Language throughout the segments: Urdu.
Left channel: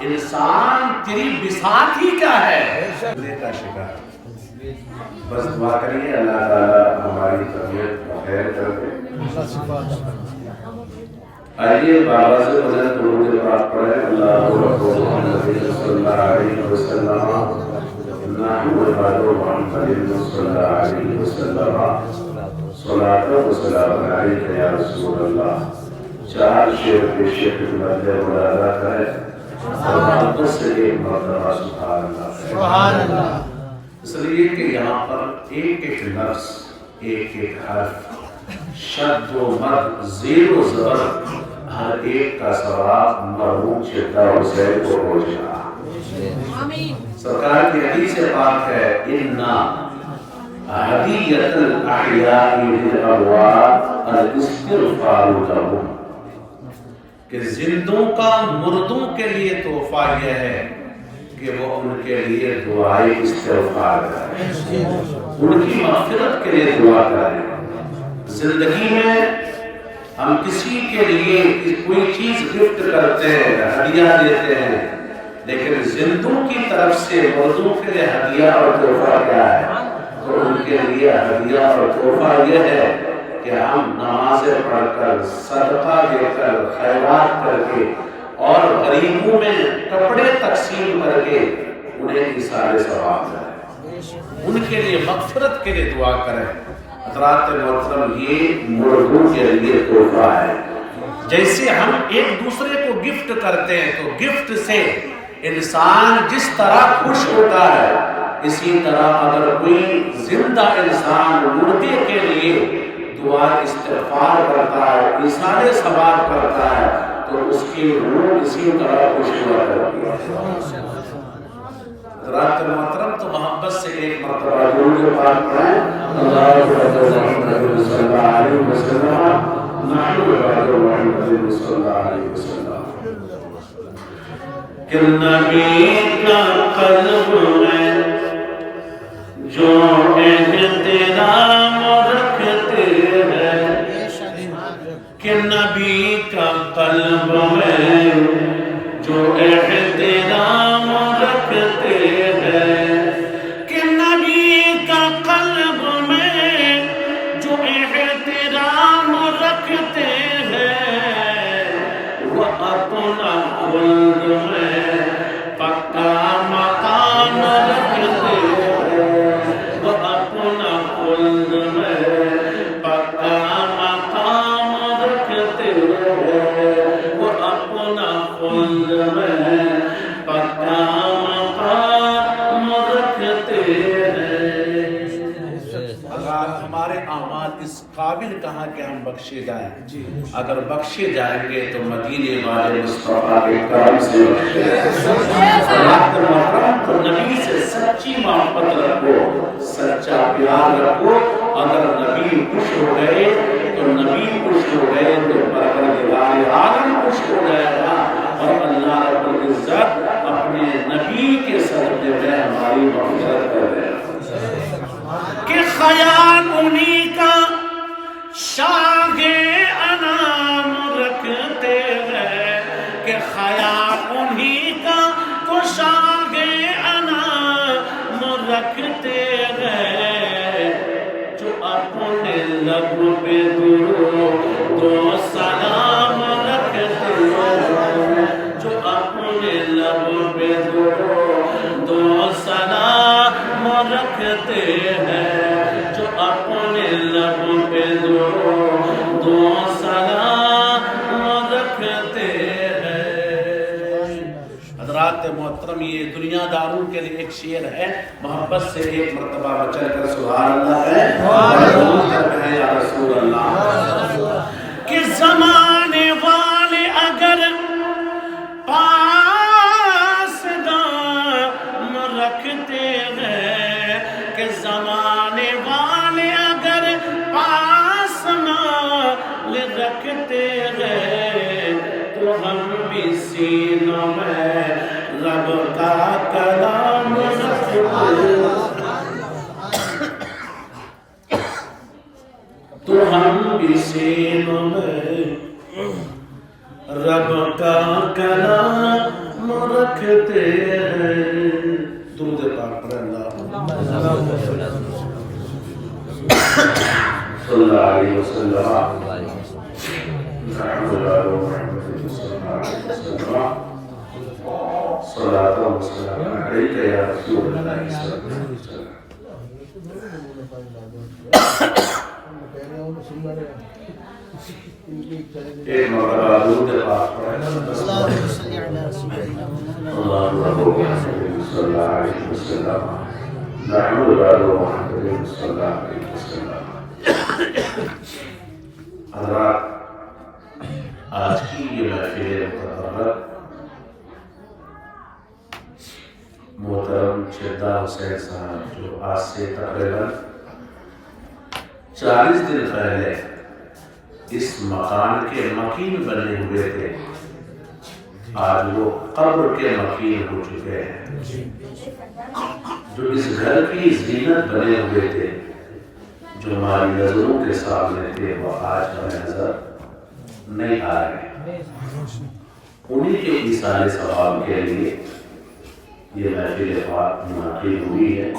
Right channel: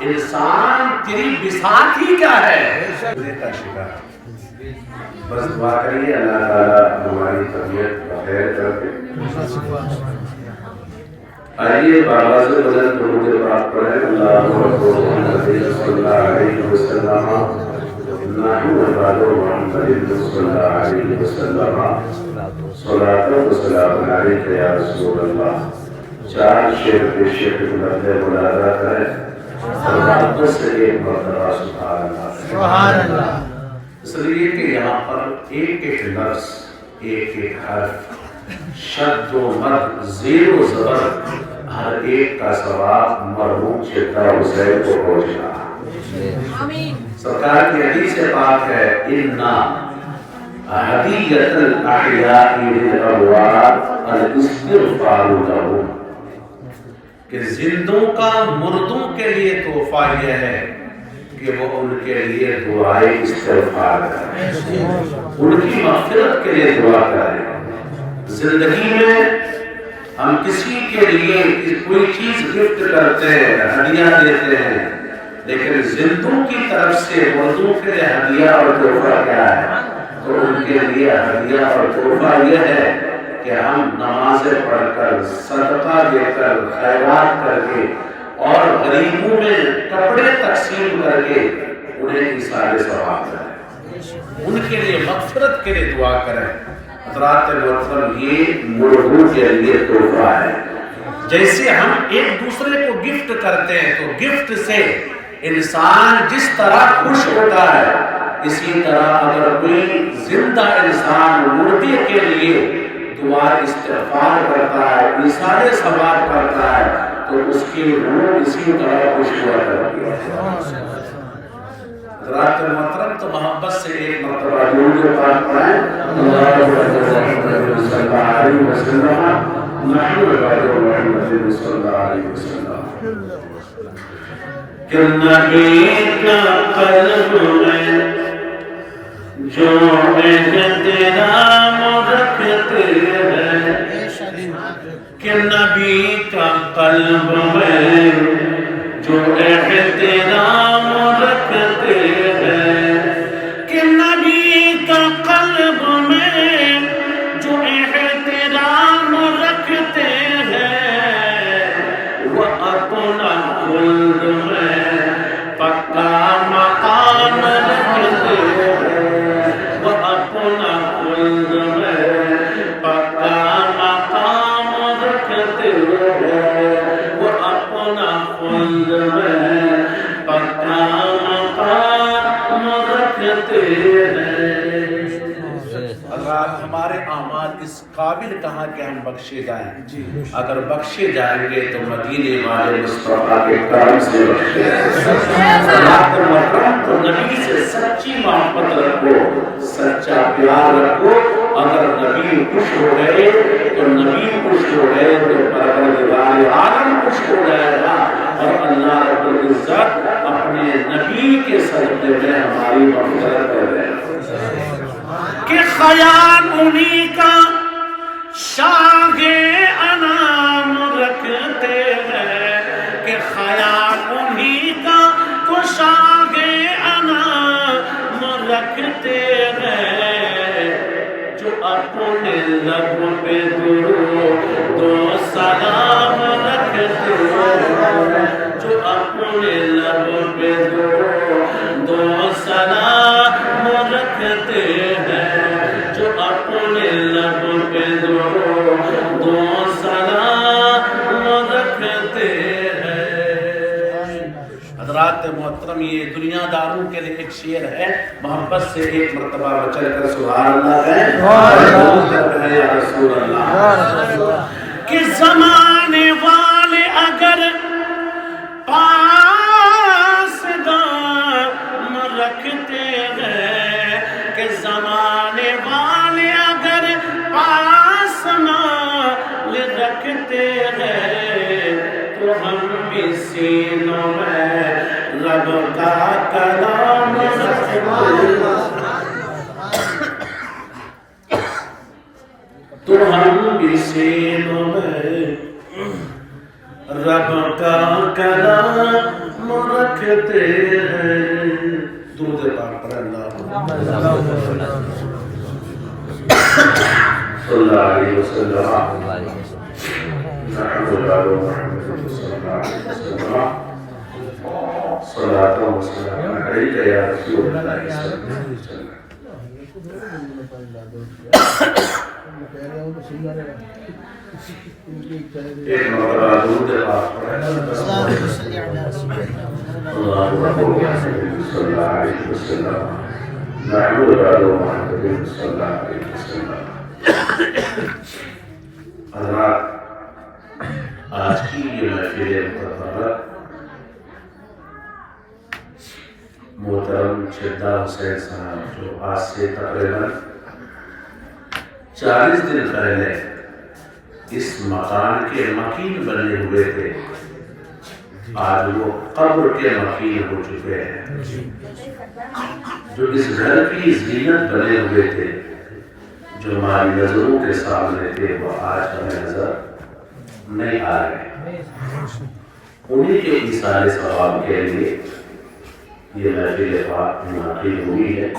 انسان تیری بساط ہی کیا ہے کا شکار. بس دعا کریے اللہ تعالیٰ ہماری طبیعت بخیر کر کے. آئیے بابا سے بلند درود پاک پڑھیں. اللہم محمد صلی اللہ علیہ وسلم محمد صلی اللہ علیہ وسلم صلاۃ و سلام علیک یا رسول اللہ. چار شعر پیش خدمت ملاحظہ کریں اور محبت سے ایک مرتبہ سبحان اللہ. اس لیے کہ یہاں پر ایک ایک لفظ، ایک ایک حرف، شد و مد، زیر و زبر، ہر ایک کا ثواب مرحوم چیتا حسین کو پہنچنا. سرکار کی حدیث پاک ہے اِنَّا ہدیۃ الاحیاء للاموات الاستغفار لهم، کہ زندوں کا مردوں کے لیے تحفہ یہ ہے کہ وہ ان کے لیے دعائے استغفار کریں، ان کی مغفرت کے لیے دعا کریں. زندگی میں ہم کسی کے لیے کوئی چیز گفٹ کرتے ہیں، ہدیہ دیتے ہیں، لیکن زندوں کی طرف سے مردوں کے لیے ہدیہ اور تحفہ کیا ہے؟ تو ان کے لیے ہدیہ اور تحفہ یہ ہے کہ ہم نمازیں پڑھ کر، صدقہ دے کر، خیرات کر کے اور غریبوں میں کپڑے تقسیم کر کے انہیں ایثار ثواب کریں، ان کے لیے مغفرت کے لیے دعا کریں. حضرات محترم، یہ مردوں کے لیے تحفہ ہے. جیسے ہم ایک دوسرے کو گفٹ کرتے ہیں تو گفٹ سے انسان جس طرح خوش ہوتا ہے، اسی طرح اگر کوئی زندہ انسان مردے کے لیے دعا استغفار کرتا ہے، ایثار ثواب کرتا ہے، تو اس کی روح اسی طرح خوش ہوا کرتی ہے. حضرات محترم، تو محبت سے ایک مرتبہ درود پاک پڑھیں. اللہم صلی اللہ علیہ وسلم محمد صلی اللہ علیہ وسلم. کہ نبی کا قلب میں جو احترام رکھتے ہیں، کہ نبی کا قلب میں جو احترام رکھتے ہیں، کہ نبی کا قلب میں جو احترام رکھتے ہیں، وہ اپنا خلد میں پکا مقام رکھتے ہیں، وہ اپنا خلد میں پکا مقام رکھتے ہیں، وہ اپنا خلد میں پکا مقام رکھتے ہیں. حضرات، ہمارے اعمال اس قابل کہاں کہ ہم بخشے جائیں. اگر بخشے جائیں گے تو مدینے والے مصطفیٰ کے کرم سے بخشے جائیں. تو نبی سے سچی محبت رکھو، سچا پیار رکھو. اگر نبی خوش ہو گئے تو نبی خوش ہو گئے تو پروردگار عالم خوش ہو جائے گا، اور اللہ رب العزت اپنے نبی کے صدقے میں ہماری مغفرت کر دے. کہ خیال انہی کا شاہ انام رکھتے ہیں، کہ خیال انہی کا تو شاہ انام رکھتے ہیں، جو اپنے لب پہ درود و سلام رکھتے ہیں، جو اپنے لب پہ درود و سلام رکھتے ہیں، جو اپنے لب پہ درود و سلام رکھتے ہیں. حضرات محترم، یہ دنیا داروں کے لیے ایک شعر ہے. محبت سے ایک مرتبہ چل کر سبحان اللہ کہیں یا رسول اللہ. کہ زمانے والے اگر پاس دام رکھتے ہیں، کہ زمانے والے اگر پاس مال رکھتے ہیں، تو ہم بھی سینوں میں رب کا کلام رکھتے ہیں، تو ہم بھی سینوں میں رب کا کلام رکھتے ہیں. درود پاک پر اللہ صلی اللہ علیہ وسلم. صلاۃ و سلام علیک یا رسول اللہ صلی اللہ علیہ وسلم. ایک مرتبہ درود پاک پڑھیں. اللهم صل علی رسول اللہ صلی اللہ علیہ وسلم. نحمد محمد صلی اللہ علیہ وسلم. حضرات، آج کی یہ محفل مبارک محترم شہدا حسین صاحب جو آج سے تقریباً 40 دن پہلے اس مکان کے مکین بنے ہوئے تھے، آج وہ قبر کے مکین ہو چکے ہیں. جو اس گھر کی زینت بنے ہوئے تھے، جو ہماری نظروں کے سامنے تھے، وہ آج ہمیں نظر نہیں آ رہے. انہیں کے ایصال ثواب کے لیے یہ محفل پاک منعقد ہوئی ہے.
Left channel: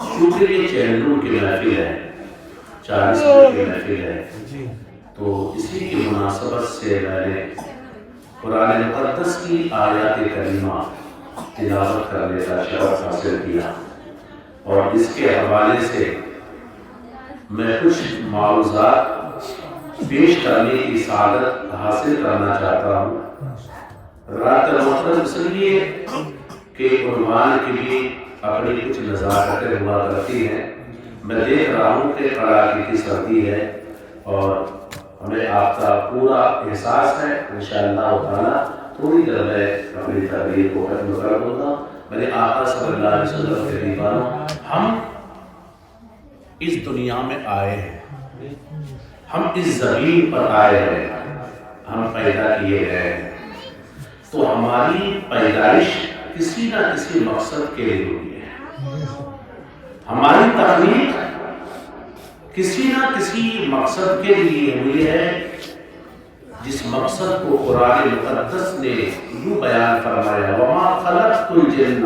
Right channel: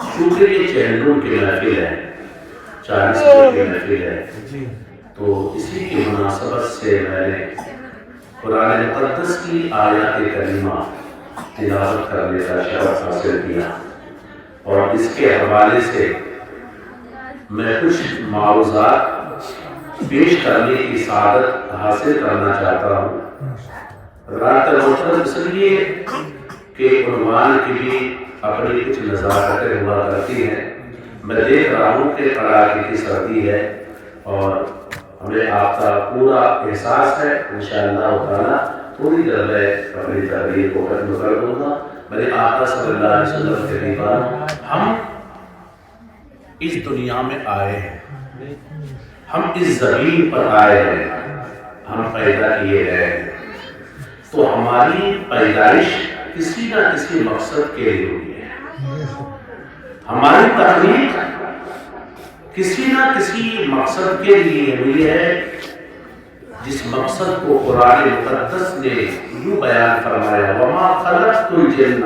چونکہ یہ چینلوں کی محفل ہے، 40 کی محفل ہے، تو اسی کی مناسبت سے میں نے قرآن مقدس کی آیات کریمہ تلاوت کرنے کا شرف حاصل کیا، اور اس کے حوالے سے میں کچھ معروضات پیش کرنے کی سعادت حاصل کرنا چاہتا ہوں. حضرات محترم، اس لیے کہ عنوان کی بھی اپنی کچھ نزاکتیں ہوا کرتی ہیں. میں دیکھ رہا ہوں کہ کڑاکے کی سردی ہے اور ہمیں آپ کا پورا احساس ہے. انشاءاللہ تعالی تھوڑی دیر میں اپنی تقریر کو ختم کر دوں گا. میرے آقا صلی اللہ علیہ وسلم کے دیوانوں، ہم اس دنیا میں آئے ہیں، ہم اس زمین پر آئے ہیں، ہم پیدا کیے گئے ہیں، تو ہماری پیدائش کسی نہ کسی مقصد کے لیے ہوئی ہے. ہماری تخلیق کسی نہ کسی مقصد کے لیے ہوئی ہے، جس مقصد کو قرآن مقدس نے یوں بیان فرمایا: وَمَا خَلَقْتُ الْجِنَّ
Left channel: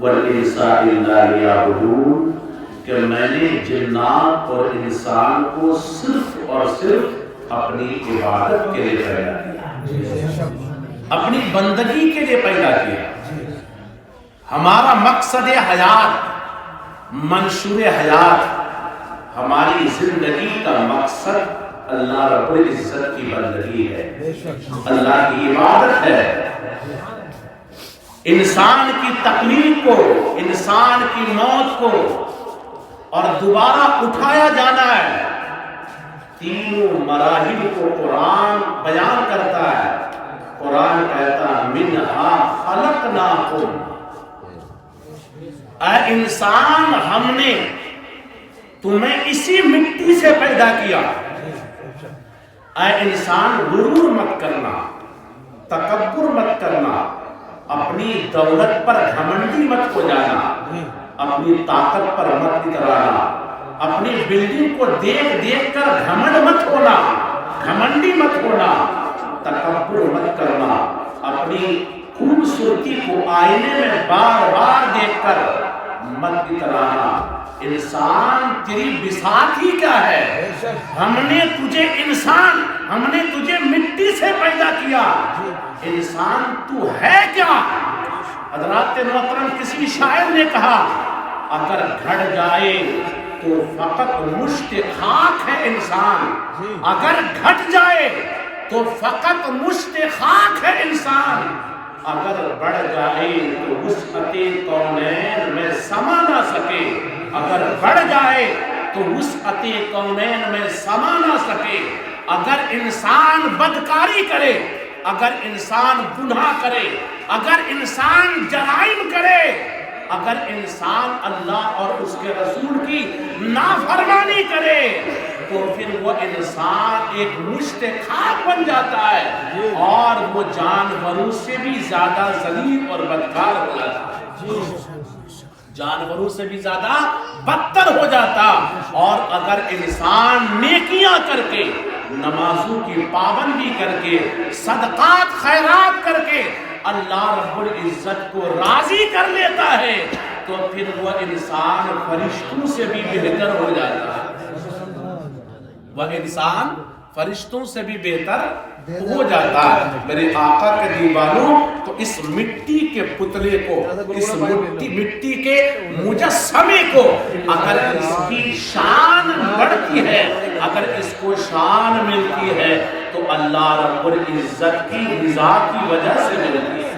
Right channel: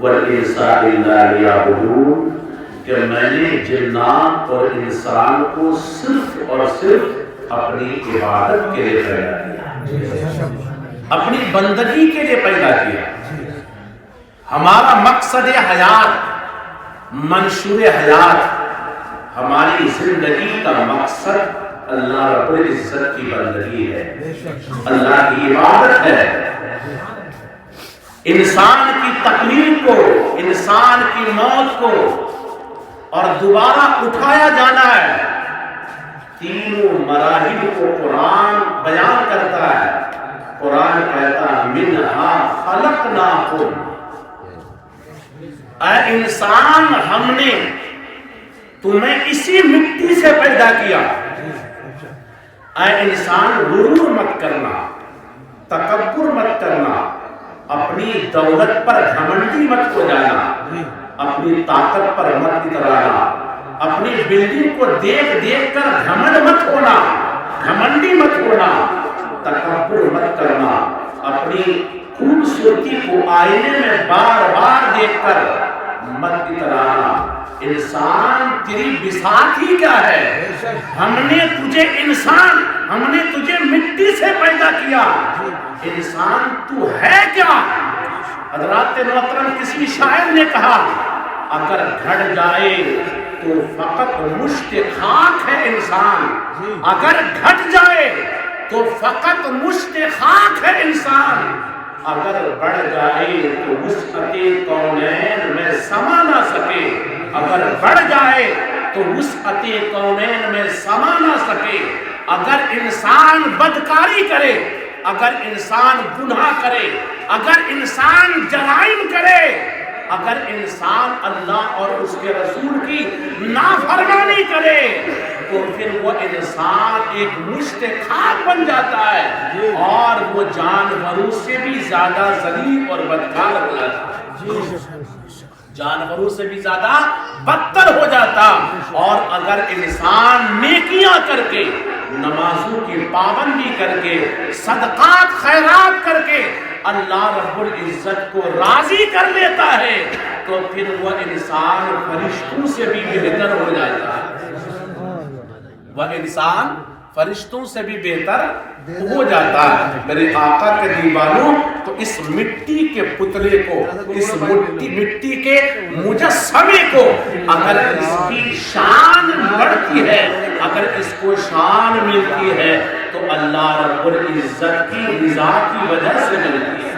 وَالْإِنسَ إِلَّا لِيَعْبُدُونِ، کہ میں نے جنات اور انسان کو صرف اور صرف اپنی عبادت کے لیے پیدا کیا، اپنی بندگی کے لیے پیدا کیا. ہمارا مقصد حیات، منشور حیات، ہماری زندگی کا مقصد اللہ رب العزت کی بندگی ہے، اللہ کی عبادت ہے. انسان کی تخلیق کو، انسان کی موت کو اور دوبارہ اٹھایا جانا ہے. تینوں مراحل کو قرآن بیان کرتا ہے. قرآن کہتا ہے: منہا خلقناکم، اے انسان ہم نے تمہیں اسی مٹی سے پیدا کیا. اے انسان غرور مت کرنا، تکبر مت کرنا، اپنی دولت پر گھمنڈی مت ہو جانا، اپنی طاقت پر مت اترانا، اپنی بلڈنگ کو دیکھ دیکھ کر گھمنڈ مت ہونا، گھمنڈی مت ہونا، تکبر مت کرنا، اپنی خوبصورتی کو آئینے میں بار بار دیکھ کر مت اترانا. انسان تیری بساط ہی کیا ہے؟ ہم نے تجھے انسان، ہم نے تجھے مٹی سے پیدا کیا. انسان تو ہے کیا؟ حضرات محترم، کسی شاعر نے کہا: اگر گھٹ جائے تو فقط مشت خاک ہے انسان. اگر گھٹ جائے تو فقط مشت خاک ہے انسان. اگر بڑھ جائے تو وسعت کونین میں سما نہ سکے. اگر بڑھ جائے تو وسعت کونین میں سما نہ سکے. اگر انسان بدکاری کرے، اگر انسان گناہ کرے، اگر انسان جرائم کرے، اگر انسان اللہ اور اس کے رسول کی نافرمانی کرے، تو پھر وہ انسان ایک مشت خاک بن جاتا ہے اور وہ جانوروں سے بھی زیادہ ذلیل اور بدکار ہو جاتا ہے. جانوروں سے بھی زیادہ بدتر ہو جاتا. اور اگر انسان نیکیاں کر کے، نمازوں کی پابندی کر کے، صدقات خیرات کر کے اللہ رب العزت کو راضی کر لیتا ہے تو پھر وہ انسان فرشتوں سے بھی بہتر ہو جاتا ہے، وہ انسان فرشتوں سے بھی بہتر ہو جاتا ہے۔ میرے آقا کے دیوانوں، تو اس مٹی کے پتلے کو، اس مٹی کے مجسمے کو اگر اس کی شان بڑھتی ہے، اگر اس کو شان ملتی ہے تو اللہ رب العزت کی رضا کی وجہ سے ملتی ہے۔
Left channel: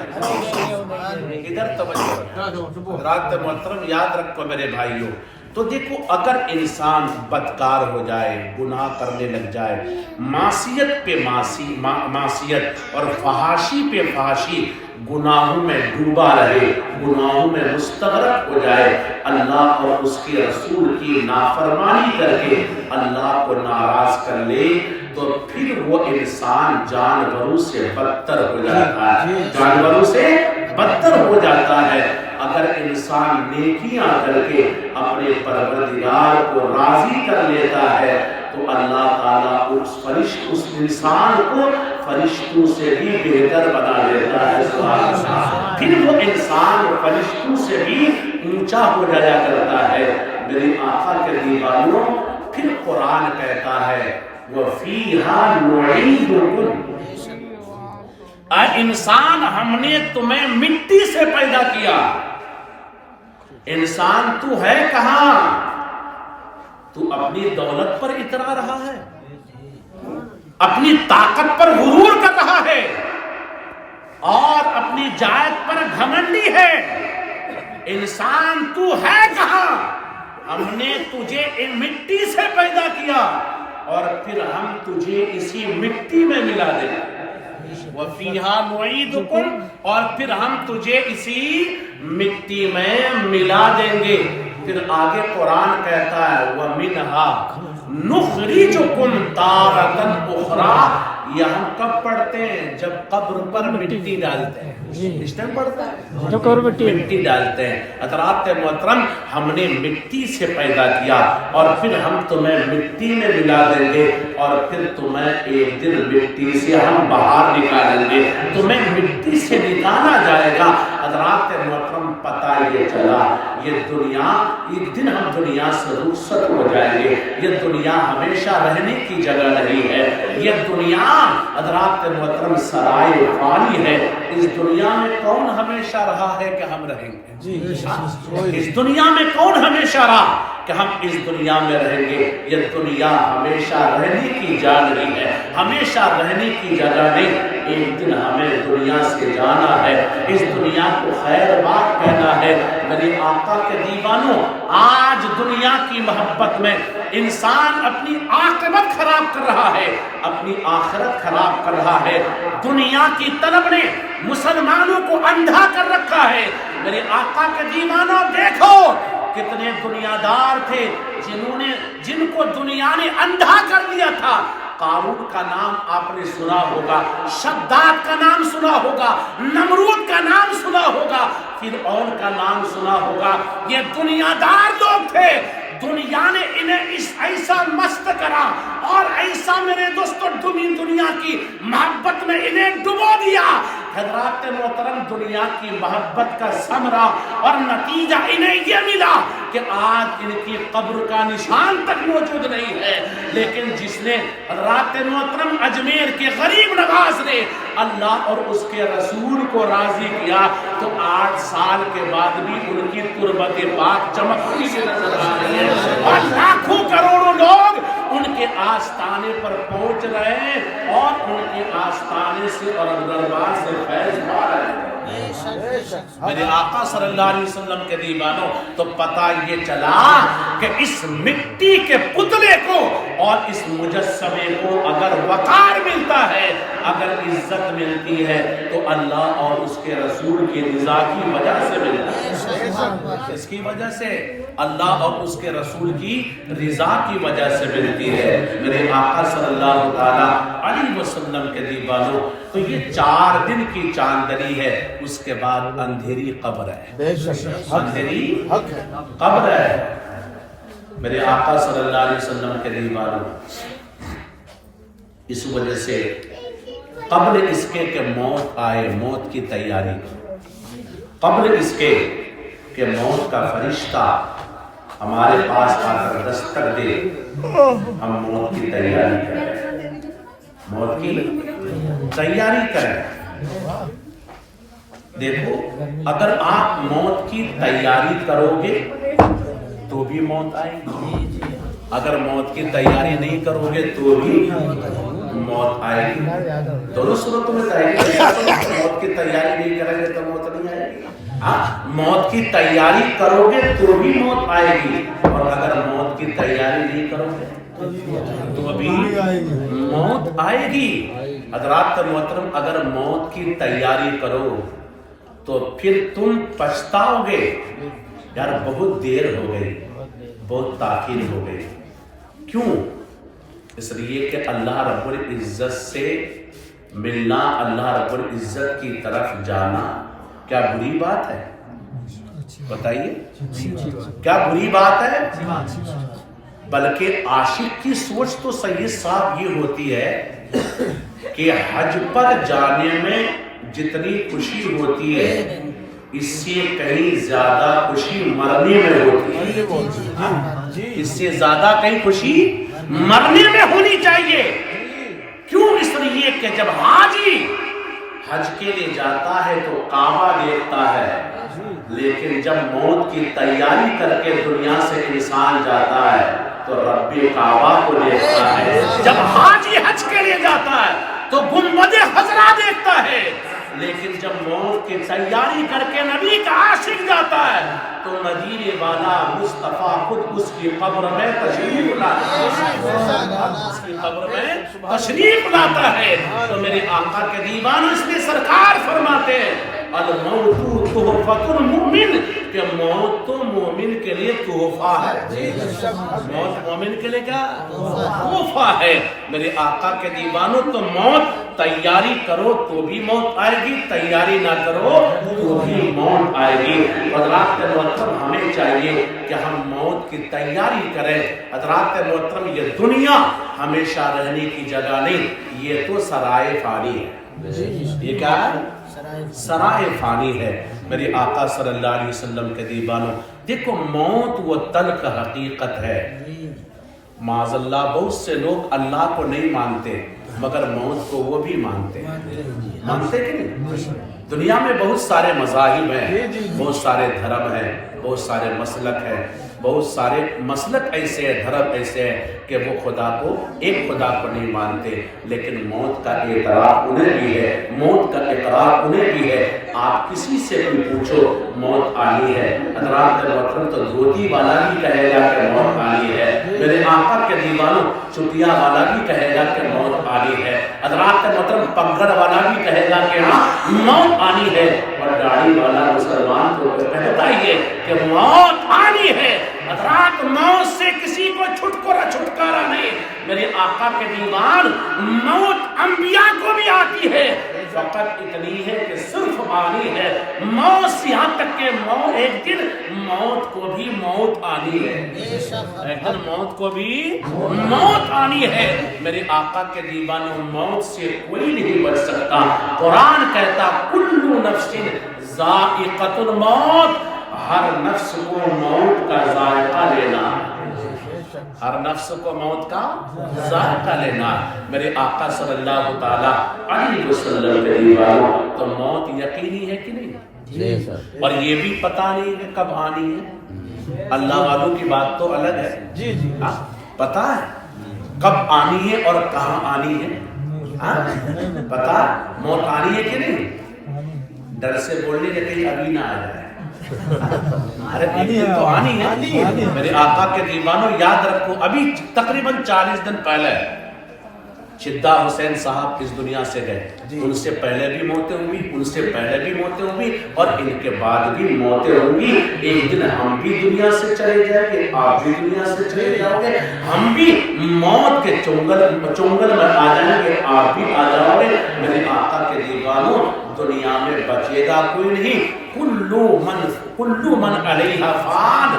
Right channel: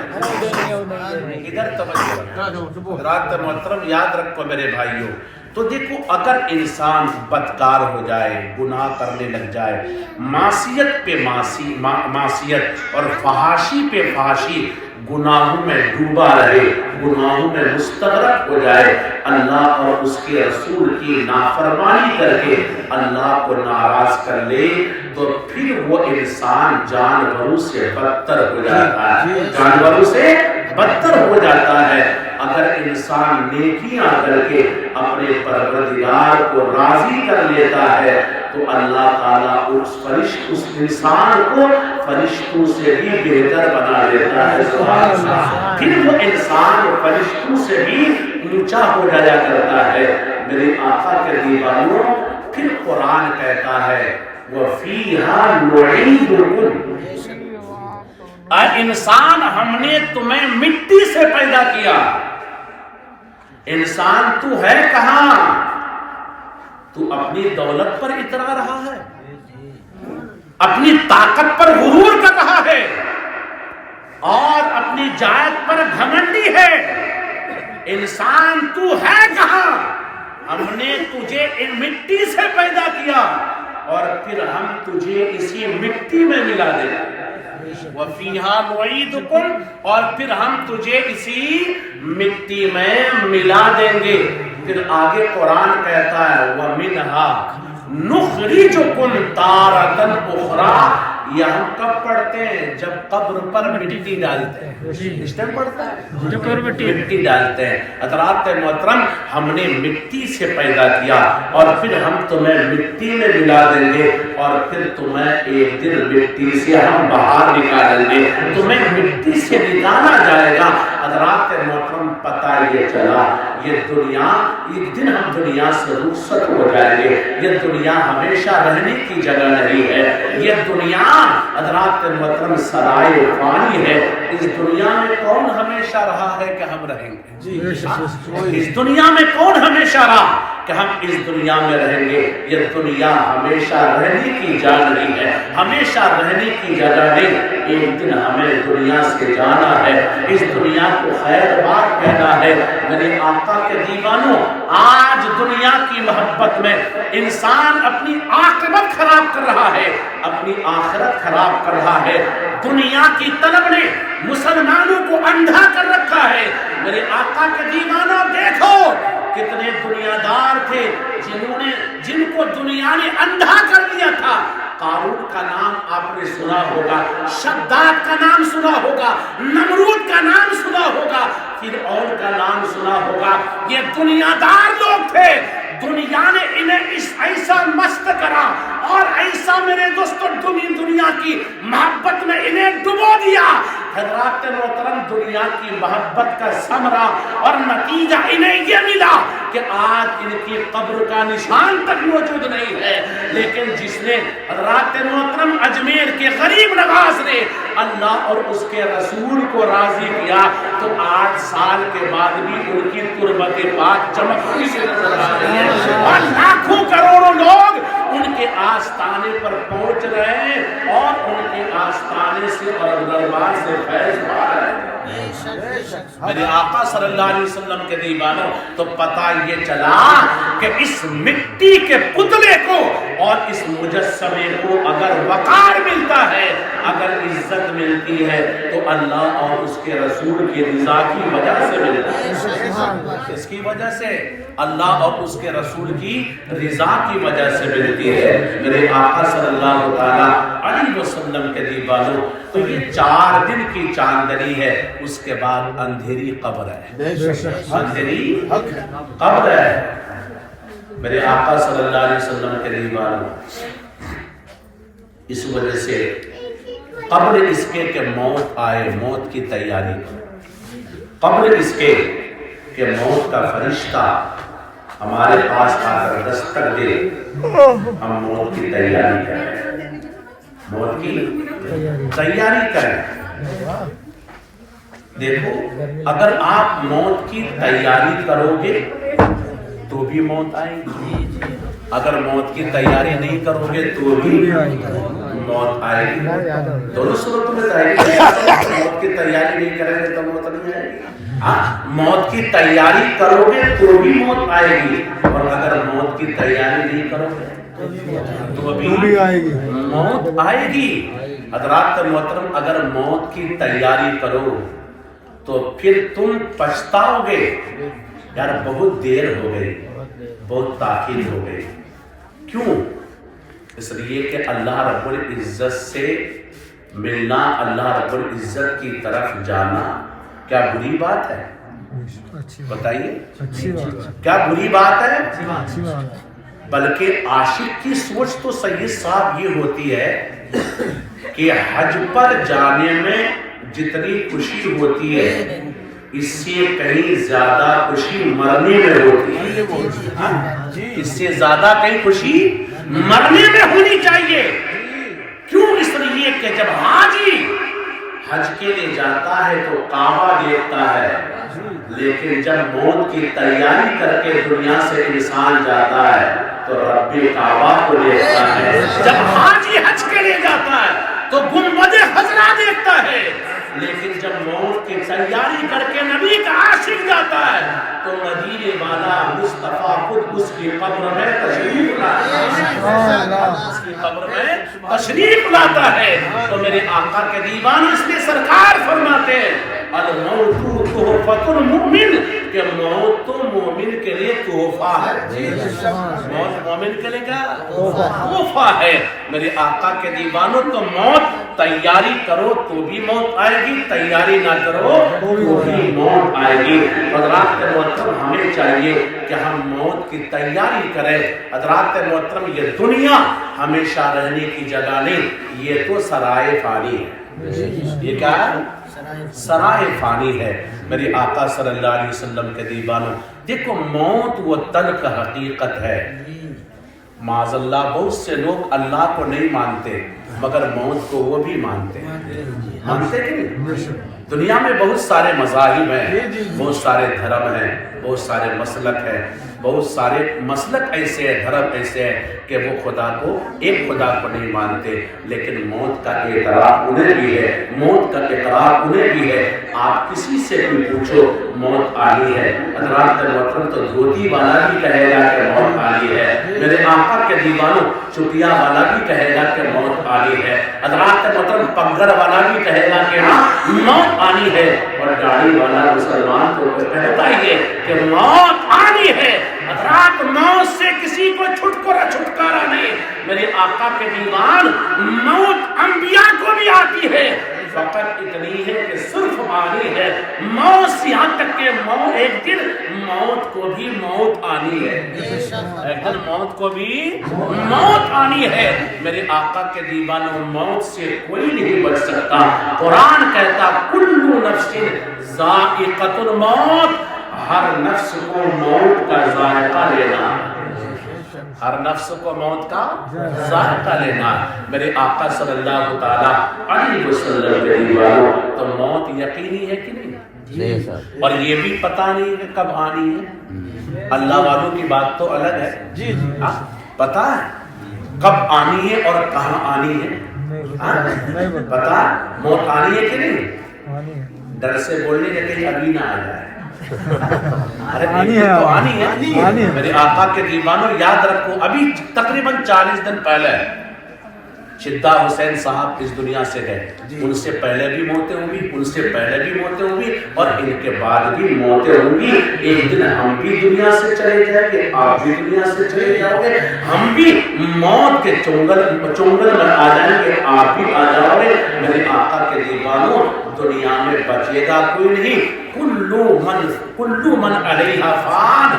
ادھر توجہ رکھو، حضرات محترم یاد رکھو میرے بھائیوں۔ تو دیکھو، اگر انسان بدکار ہو جائے، گناہ کرنے لگ جائے، معصیت پہ معصیت اور فحاشی پہ فحاشی، گناہوں میں ڈوبا رہے، گناہوں میں مستغرق ہو جائے، اللہ اور اس کے رسول کی نافرمانی کر کے اللہ کو ناراض کر لے، تو پھر وہ انسان جانوروں سے بدتر ہو جاتا ہے، جانوروں سے بدتر ہو جاتا ہے۔ اگر انسان نیکیاں کر کے اپنے پروردگار کو راضی کر لیتا ہے تو اللہ تعالیٰ اس انسان کو فرشتوں سے بھی بہتر بنا دیتا ہے، سبحان اللہ۔ پھر وہ انسان فرشتوں سے بھی اونچا ہو جایا کرتا ہے۔ میرے آقا کے دیوانوں، پھر قرآن کہتا ہے وَفِيهَا نُعِيدُكُمْ، اے انسان ہم نے تمہیں مٹی سے پیدا کیا۔ انسان تو ہے کہاں؟ تو اپنی دولت پر اترا رہا ہے، اپنی طاقت پر غرور کر رہا ہے اور اپنی جائز پر گھمنڈی ہے۔ انسان تو ہے کہاں؟ ہم نے تجھے مٹی سے پیدا کیا اور پھر ہم تجھے اسی مٹی میں ملا دیں گے۔ وَفِيهَا نُعِيدُكُمْ، اور پھر ہم تجھے اسی مٹی میں ملا دیں گے۔ پھر آگے قرآن کہتا ہے وَمِنْهَا نُخْرِجُكُمْ تَارَةً أُخْرَىٰ، یہ ہم کب پڑھتے ہیں؟ جب قبر پر مٹی ڈالتے ہیں، اس ٹائم پڑھتا ہے جب قبر مٹی ڈالتے ہیں۔ حضرات محترم، ہم نے مٹی سے پیدا کیا اور پھر ہم تمہیں مٹی میں ملا دیں گے اور پھر تمہیں ایک دن مٹی سے ہم باہر نکالیں گے، تمہیں مٹی سے نکالا جائے گا۔ حضرات محترم، پتہ یہ چلا یہ دنیا، ایک دن ہم دنیا سے رخصت ہو جائیں گے۔ یہ دنیا ہمیشہ رہنے کی جگہ نہیں ہے، یہ دنیا حضرات محترم سرائے فانی ہے۔ اس دنیا میں کون ہمیشہ رہا ہے کہ ہم رہیں گے؟ اس دنیا میں کون ہمیشہ رہا کہ ہم اس دنیا میں رہیں گے؟ یہ دنیا ہمیشہ رہنے کی جگہ نہیں ہے، ہمیشہ رہنے کی جگہ نہیں۔ ایک دن ہمیں دنیا سے جانا ہے، اس دنیا کو خیر بات کہنا ہے۔ میرے آقا کے دیوانوں، آج دنیا کی محبت میں انسان اپنی عاقبت خراب کر رہا ہے، اپنی آخرت خراب کر رہا ہے۔ دنیا کی طلب نے مسلمانوں کو اندھا کر رکھا ہے۔ میرے آقا کے دیوانوں، دیکھو کتنے دنیا دار تھے جن کو دنیا نے اندھا کر دیا تھا۔ قارون کا نام آپ نے سنا ہوگا، شداد کا نام سنا ہوگا، نمرود کا نام سنا ہوگا، فرعون کا نام سنا ہوگا۔ یہ دنیا دار لوگ تھے، دنیا نے انہیں ایسا مست کرا اور ایسا میرے دوستوں دنیا کی محبت میں انہیں ڈبو دیا۔ حضرات محترم، دنیا کی محبت کا ثمرہ اور نتیجہ انہیں یہ ملا کہ آج ان کی قبر کا نشان تک موجود نہیں ہے۔ لیکن جس نے حضرات محترم اجمیر کے غریب نواز نے اللہ اور اس کے رسول کو راضی کیا تو 8 سال کے بعد بھی ان کی تربت پاک چمکتی سے نظر آ رہی ہے اور لاکھوں کروڑوں لوگ ان کے آستانے پر پہنچ رہے ہیں اور ان کے آستانے سے اور دربار سے فیض پا رہے ہیں۔ میرے آقا صلی اللہ علیہ وسلم کے دیوانوں، تو پتہ یہ چلا کہ اس مٹی کے پتلے کو اور اس مجسمے کو اگر وقار ملتا ہے، اگر عزت ملتی ہے تو اللہ اور اس کے رسول کی رضا کی وجہ سے ملتی ہے۔ اس کی وجہ سے اللہ اور اس کے رسول کی رضا کی وجہ سے ملتی ہے۔ میرے آقا صلی اللہ تعالیٰ علیہ وسلم کے دیوانوں، تو یہ 4 دن کی چاندنی ہے، اس کے بعد اندھیری قبر ہے، اندھیری قبر ہے۔ میرے آقا صلی اللہ علیہ وسلم کے دیوانوں، اس وجہ سے قبل اس کے کہ موت آئے موت کی تیاری کرو، قبل اس کے کہ موت کا فرشتہ ہمارے پاس آ کر دستک دے، ہم موت کی تیاری کریں، موت کی تیاری کریں۔ دیکھو اگر آپ موت کی تیاری کرو گے تو بھی موت آئے گی، اگر موت کی تیاری نہیں کرو گے تو بھی موت آئے گی، دونوں صورتوں میں آئے گی۔ موت کی تیاری نہیں کریں گے تو موت نہیں آئے گی، موت کی تیاری کرو گے تو بھی موت آئے گی، اور اگر موت کی تیاری نہیں کرو گے تو بھی موت آئے گی۔ حضرات محترم اگر موت کی تیاری کرو تو پھر تم پچھتاؤ گے، یار بہت دیر ہو گئی، بہت تاخیر ہو گئی۔ کیوں؟ اس لیے کہ اللہ رب العزت سے ملنا، اللہ رب العزت کی طرف جانا کیا بری بات ہے؟ بتائیے کیا بری بات ہے؟ بلکہ عاشق کی سوچ تو سید صاحب یہ ہوتی ہے کہ حج پر جانے میں جتنی خوشی ہوتی ہے اس سے کہیں زیادہ خوشی مرنے میں ہوتی ہے، اس سے زیادہ کہیں خوشی مرنے میں ہونی چاہیے۔ کیوں؟ اس لیے کہ جب حاجی حج کے لیے جاتا ہے تو کعبہ دیکھتا ہے، لیکن جب موت کی تیاری کر کے دنیا سے انسان جاتا ہے تو رب کعبہ کو دیکھتا ہے۔ جب حاجی حج کے لیے جاتا ہے تو گنبد خضرا دیکھتا ہے، لیکن جب موت کی تیاری کر کے نبی کا عاشق جاتا ہے تو مدینے والا مصطفیٰ خود اس کی قبر میں تشریف لاتا ہے، اس کی قبر میں تشریف لاتا ہے۔ تو میرے آقا کے دیوان اس لیے سرکار فرماتے ہیں الموت تحفۃ المؤمن، کہ موت تو مومن کے لیے تحفہ ہے، موت مومن کے لیے کیا تحفہ ہے۔ میرے آقا کے دیوانوں تو موت تیاری کرو تو بھی موت آئے گی، تیاری نہ کرو تو بھی موت آئے گی۔ حضرات محترم ہمیں چاہیے کہ ہم موت کی تیاری کریں۔ حضرات محترم یہ دنیا ہمیشہ رہنے کی جگہ نہیں، یہ تو سرائے فانی ہے۔ یہ کیا ہے؟ سرائے فانی ہے۔ میری آقا صلی اللہ علیہ وسلم کے دیوانوں دیکھو موت وہ تلخ حقیقت ہے۔ معاذ اللہ بہت سے لوگ اللہ کو نہیں مانتے مگر موت کو وہ بھی مانتے ہیں، مانتے کہ نہیں؟ دنیا میں بہت سارے مذاہب ہیں، بہت سارے دھرم ہیں، بہت سارے مسلک ہیں، بہت سارے مسلک ایسے ہیں، دھرم ایسے ہیں کہ وہ خدا کو ایک خدا کو نہیں مانتے، لیکن موت کا اعتراف انہیں بھی ہے، موت کا اقرار انہیں بھی ہے۔ آپ کسی سے بھی پوچھو موت آنی ہے، حضرات محترم تو دھوتی والا بھی کہے گا کہ موت آنی ہے، میرے آقا کے دیوانوں چٹیا والا بھی کہے گا کہ موت آنی ہے، حضرات محترم پگڑ والا بھی کہے گا کہ ہاں موت آنی ہے، اور داڑھی والا مسلمان کو کہتا ہی ہے کہ موت آنی ہے۔ حضرات موت سے کسی کو چھٹکارا نہیں، میرے آقا کے دیوان موت انبیاء کو بھی آتی ہے، فقط اتنی ہے کہ صرف آنی ہے موت، یہاں تک کہ ایک دن موت کو بھی موت آنی ہے، ایک دن موت کو بھی موت آنی ہے۔ میرے آقا کے دیوانوں موت سے کوئی نہیں بچ سکتا۔ قرآن کہتا کل نفس ذائقۃ الموت، ہر نفس کو موت کا ذائقہ لینا، ہر نفس کو موت کا ذائقہ لینا۔ میرے آقا صلی اللہ تعالیٰ علیہ وسلم کے دیوانوں تو موت یقینی ہے کہ نہیں؟ اور یہ بھی پتہ نہیں کہ کب آنی ہے۔ اللہ والوں کی بات تو الگ ہے، پتہ ہے کب آنی ہے اور کہاں آنی ہے، پتہ موت آنی ہے کہ نہیں؟ ڈر سے بولنے کہ کہیں ابھی نہ آ جائے، ارے تو آنی ہے۔ میرے آقا کے دیوانوں یاد رکھو ابھی تقریباً 40 دن پہلے شدہ حسین صاحب اس دنیا سے گئے، ان سے پہلے بھی موتیں ہوئی، ان سے پہلے بھی موتیں ہوئی اور ان کے بعد بھی موتیں ہوئی۔ ایک دن ہم بھی دنیا سے چلے جائیں گے، آپ بھی دنیا سے چلے جاؤ گے، ہم بھی موت کے چنگل میں آ جائیں گے، آپ بھی آ جاؤ گے۔ میرے آقا کے دیوانوں دنیا میں بچے گا کوئی نہیں، کلو من علیہا فان،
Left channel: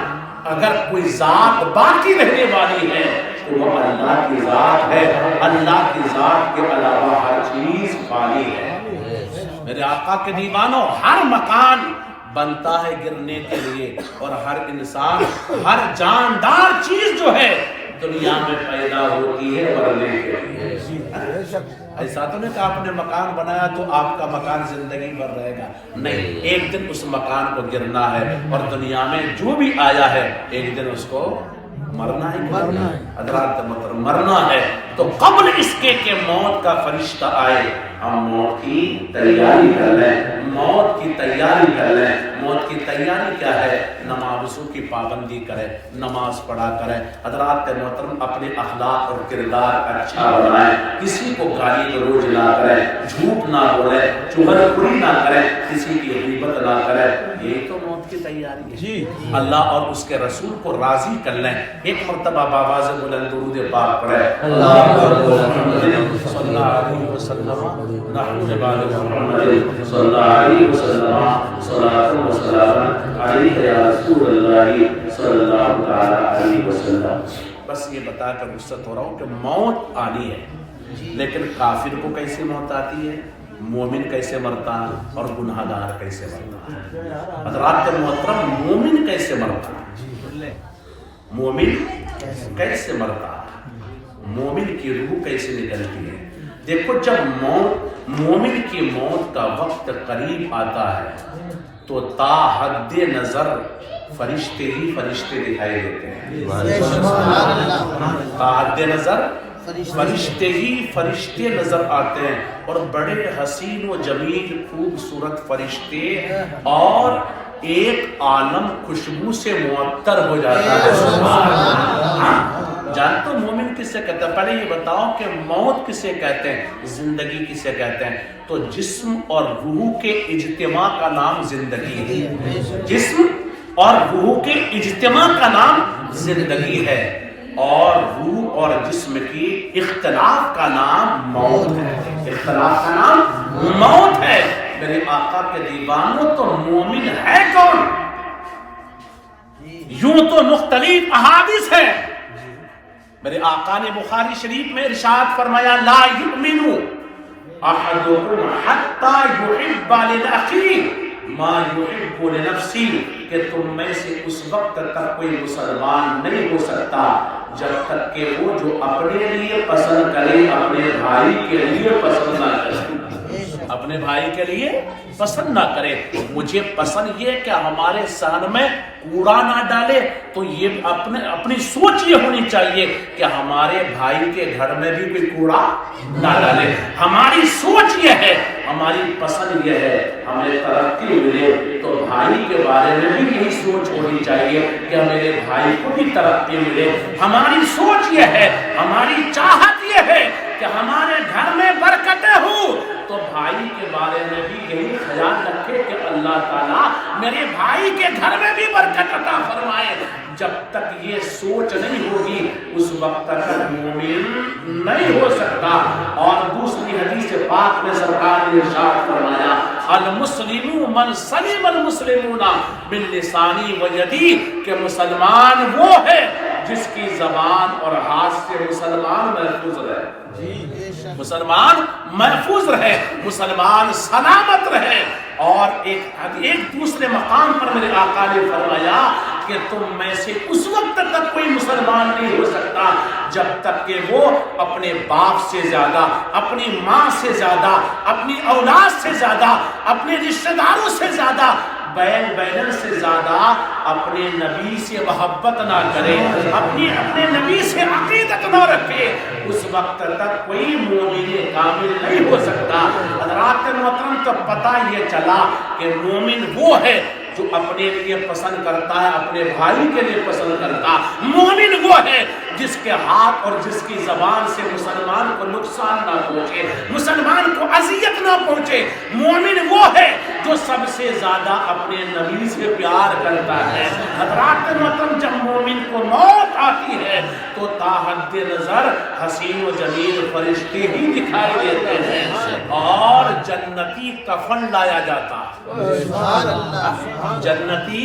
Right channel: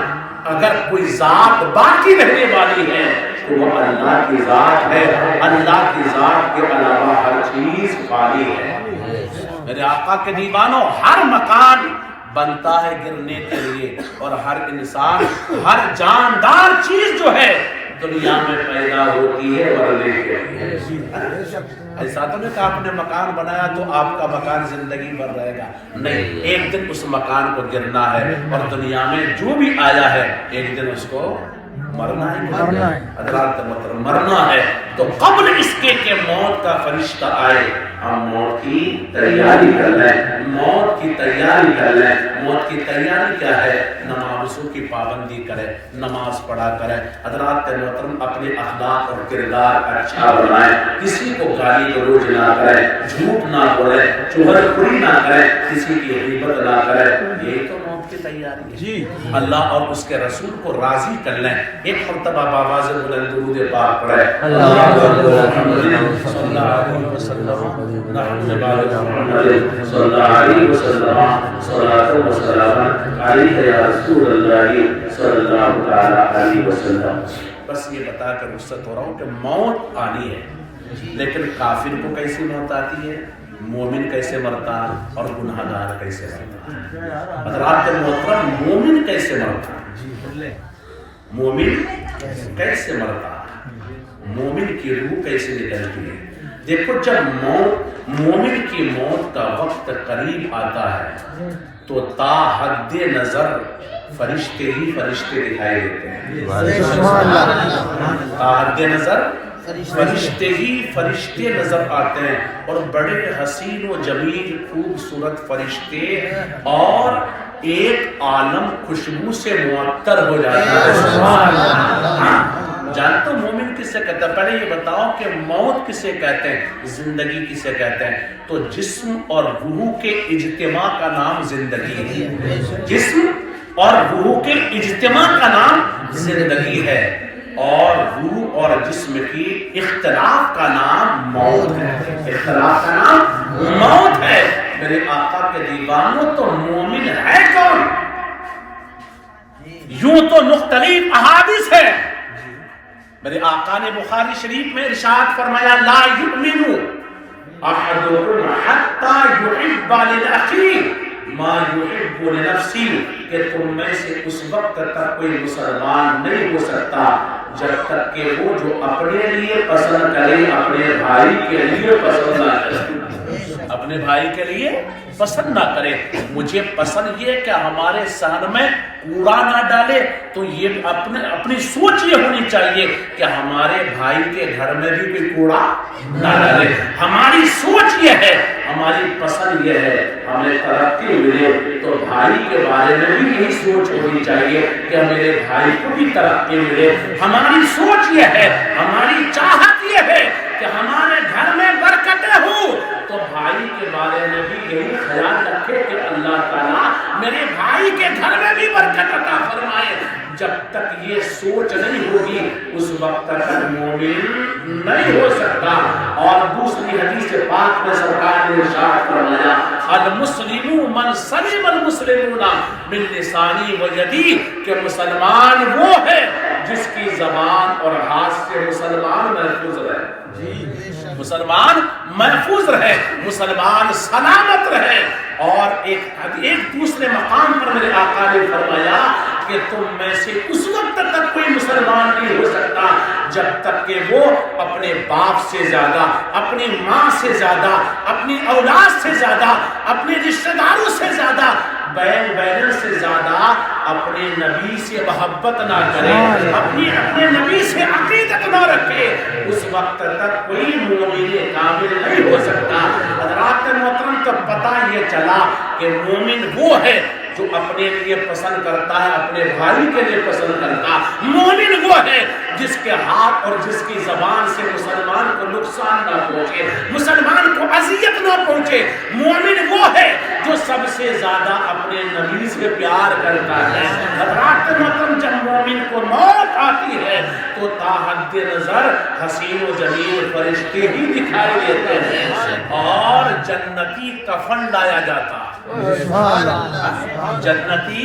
اگر کوئی ذات باقی رہنے والی ہے تو وہ اللہ کی ذات ہے. اللہ کی ذات کے علاوہ ہر چیز فانی ہے. میرے آقا کے دیوانوں، ہر مکان بنتا ہے گرنے کے لیے، اور ہر انسان، ہر جاندار چیز جو ہے دنیا میں پیدا ہوتی ہے مرنے کے لیے. ایسا تو نہیں کہ آپ نے مکان بنایا تو آپ کا مکان زندگی بھر رہے گا، نہیں، ایک دن اس مکان کو گرنا ہے. اور دنیا میں جو بھی آیا ہے ایک دن اس کو مرنا ہے. حضرات محترم، مرنا ہے. تو قبل اس کے کہ موت کا فرشتہ آئے ہم موت کی تیاری کر لیں. موت کی تیاری کر لیں. موت کی تیاری کیا ہے؟ نمازوں کی پابندی کرے، نماز پڑھا کرے. حضرات محترم، اپنے اخلاق اور کردار اچھا بنائیں. کسی کو گالی گلوچ نہ کرے، جھوٹ نہ بولے، چغل خوری نہ کرے، کسی کی غیبت نہ کرے. یہ تو موت کی تیاری ہے. جی اللہ اور اس کے رسول کو راضی کر لیں. ایک مرتبہ بآواز بلند درود پاک پڑھے. صلی اللہ علیہ وسلم نحن بعد محمد صلی اللہ علیہ وسلم صلاۃ و سلام علیہ یا رسول اللہ صلی اللہ علیہ وسلم. بس یہ بتا کر رخصت ہو رہا ہوں کہ موت آنی ہے، لیکن کافر کو کیسی موت آتی ہے، مومن کیسے مرتا ہے، اور گناہ گار کیسے مرتا ہے. حضرات محترم، مومن کیسے مرتا ہے، مومن کیسے مرتا ہے، مومن کی روح کیسے نکلتی ہے. دیکھو، جب مومن کی موت کا وقت قریب آتا ہے تو تا حد نظر فرشتے ہی فرشتے دکھائی دیتے ہیں. تا حد نظر فرشتے ہی فرشتے نظر آتے ہیں، اور بڑے حسین و جمیل خوبصورت فرشتے، اور ایک عالم خوشبو سے معطر ہو جاتا ہے. جانتے ہو مومن کسے کہتے ہیں؟ پہلے یہ بتاؤ کہ موت کسے کہتے ہیں، زندگی کسے کہتے ہیں؟ تو جسم اور روح کے اجتماع کا نام زندگی ہے. جسم اور روح کے اجتماع کا نام زندگی ہے، اور روح اور جسم کی اختلاف کا نام موت ہے. اختلاف کا نام موت ہے. میرے آقا کے دیوانوں، تو مومن ہے کون؟ یوں تو مختلف احادیث ہے. میرے آقا نے بخاری شریف میں ارشاد فرمایا، لا یؤمن احدکم حتی یحب لأخیہ ما یحب لنفسہ، کہ تم میں سے اس وقت تک کوئی مسلمان نہیں ہو سکتا جب تک کہ وہ جو اپنے لیے پسند کرے اپنے بھائی کے لیے پسند نہ کرے. اپنے بھائی کے لیے پسند نہ کرے. مجھے پسند یہ کہ ہمارے صحن میں کوڑا نہ ڈالے، تو یہ اپنی سوچ یہ ہونی چاہیے کہ ہمارے بھائی کے گھر میں بھی کوئی کوڑا نہ ڈالے. ہماری سوچ یہ ہے، ہماری پسند یہ ہے ہمیں ترقی ملے، تو بھائی کے بارے میں بھی یہی سوچ ہونی چاہیے کہ میرے بھائی کو بھی ترقی ملے. ہماری سوچ یہ ہے، ہماری چاہت یہ ہے کہ ہمارے گھر میں برکتیں ہوں، تو بھائی کے بارے میں بھی یہی خیال رکھے کہ اللہ تعالیٰ میرے بھائی کے گھر میں بھی برکت عطا فرمائے. جب تک یہ سوچ نہیں ہوگی اس وقت تک مومن نہیں ہو سکتا. اور دوسری حدیث پاک میں سرکار نے ارشاد فرمایا، المسلم من سلم المسلمون من لسانی و یدی، کہ مسلمان وہ ہے جس کی زبان اور ہاتھ سے مسلمان محفوظ رہے. مسلمان محفوظ رہے، مسلمان سلامت رہے. اور ایک دوسرے مقام پر میرے آقا نے فرمایا کہ تم میں سے اس وقت تک کوئی مسلمان نہیں ہو سکتا جب تک کہ وہ اپنے باپ سے زیادہ، اپنی ماں سے زیادہ، اپنی اولاد سے زیادہ، اپنے رشتہ داروں سے زیادہ، بہن سے زیادہ اپنے نبی سے محبت نہ کرے، اپنے نبی سے عقیدت نہ رکھے، اس وقت تک کوئی مومن کامل نہیں ہو سکتا. حضرات محترم، تو پتہ یہ چلا کہ مومن وہ ہے جو اپنے لیے پسند کرتا ہے، اپنے بھائی کے لیے پسند کرتا. مومن وہ ہے جس کے ہاتھ اور جس کی زبان سے مسلمان کو نقصان نہ پہنچے، مسلمان کو اذیت نہ پہنچے. مومن وہ ہے جو سب سے زیادہ اپنے نبی سے پیار کرتا ہے۔ حضرات محترم، جب مومن کو موت آتی ہے تو تاحد نظر حسین و جمیل فرشتے ہی دکھائی دیتے ہیں اور جنتی کفن لایا جاتا ہے، جنتی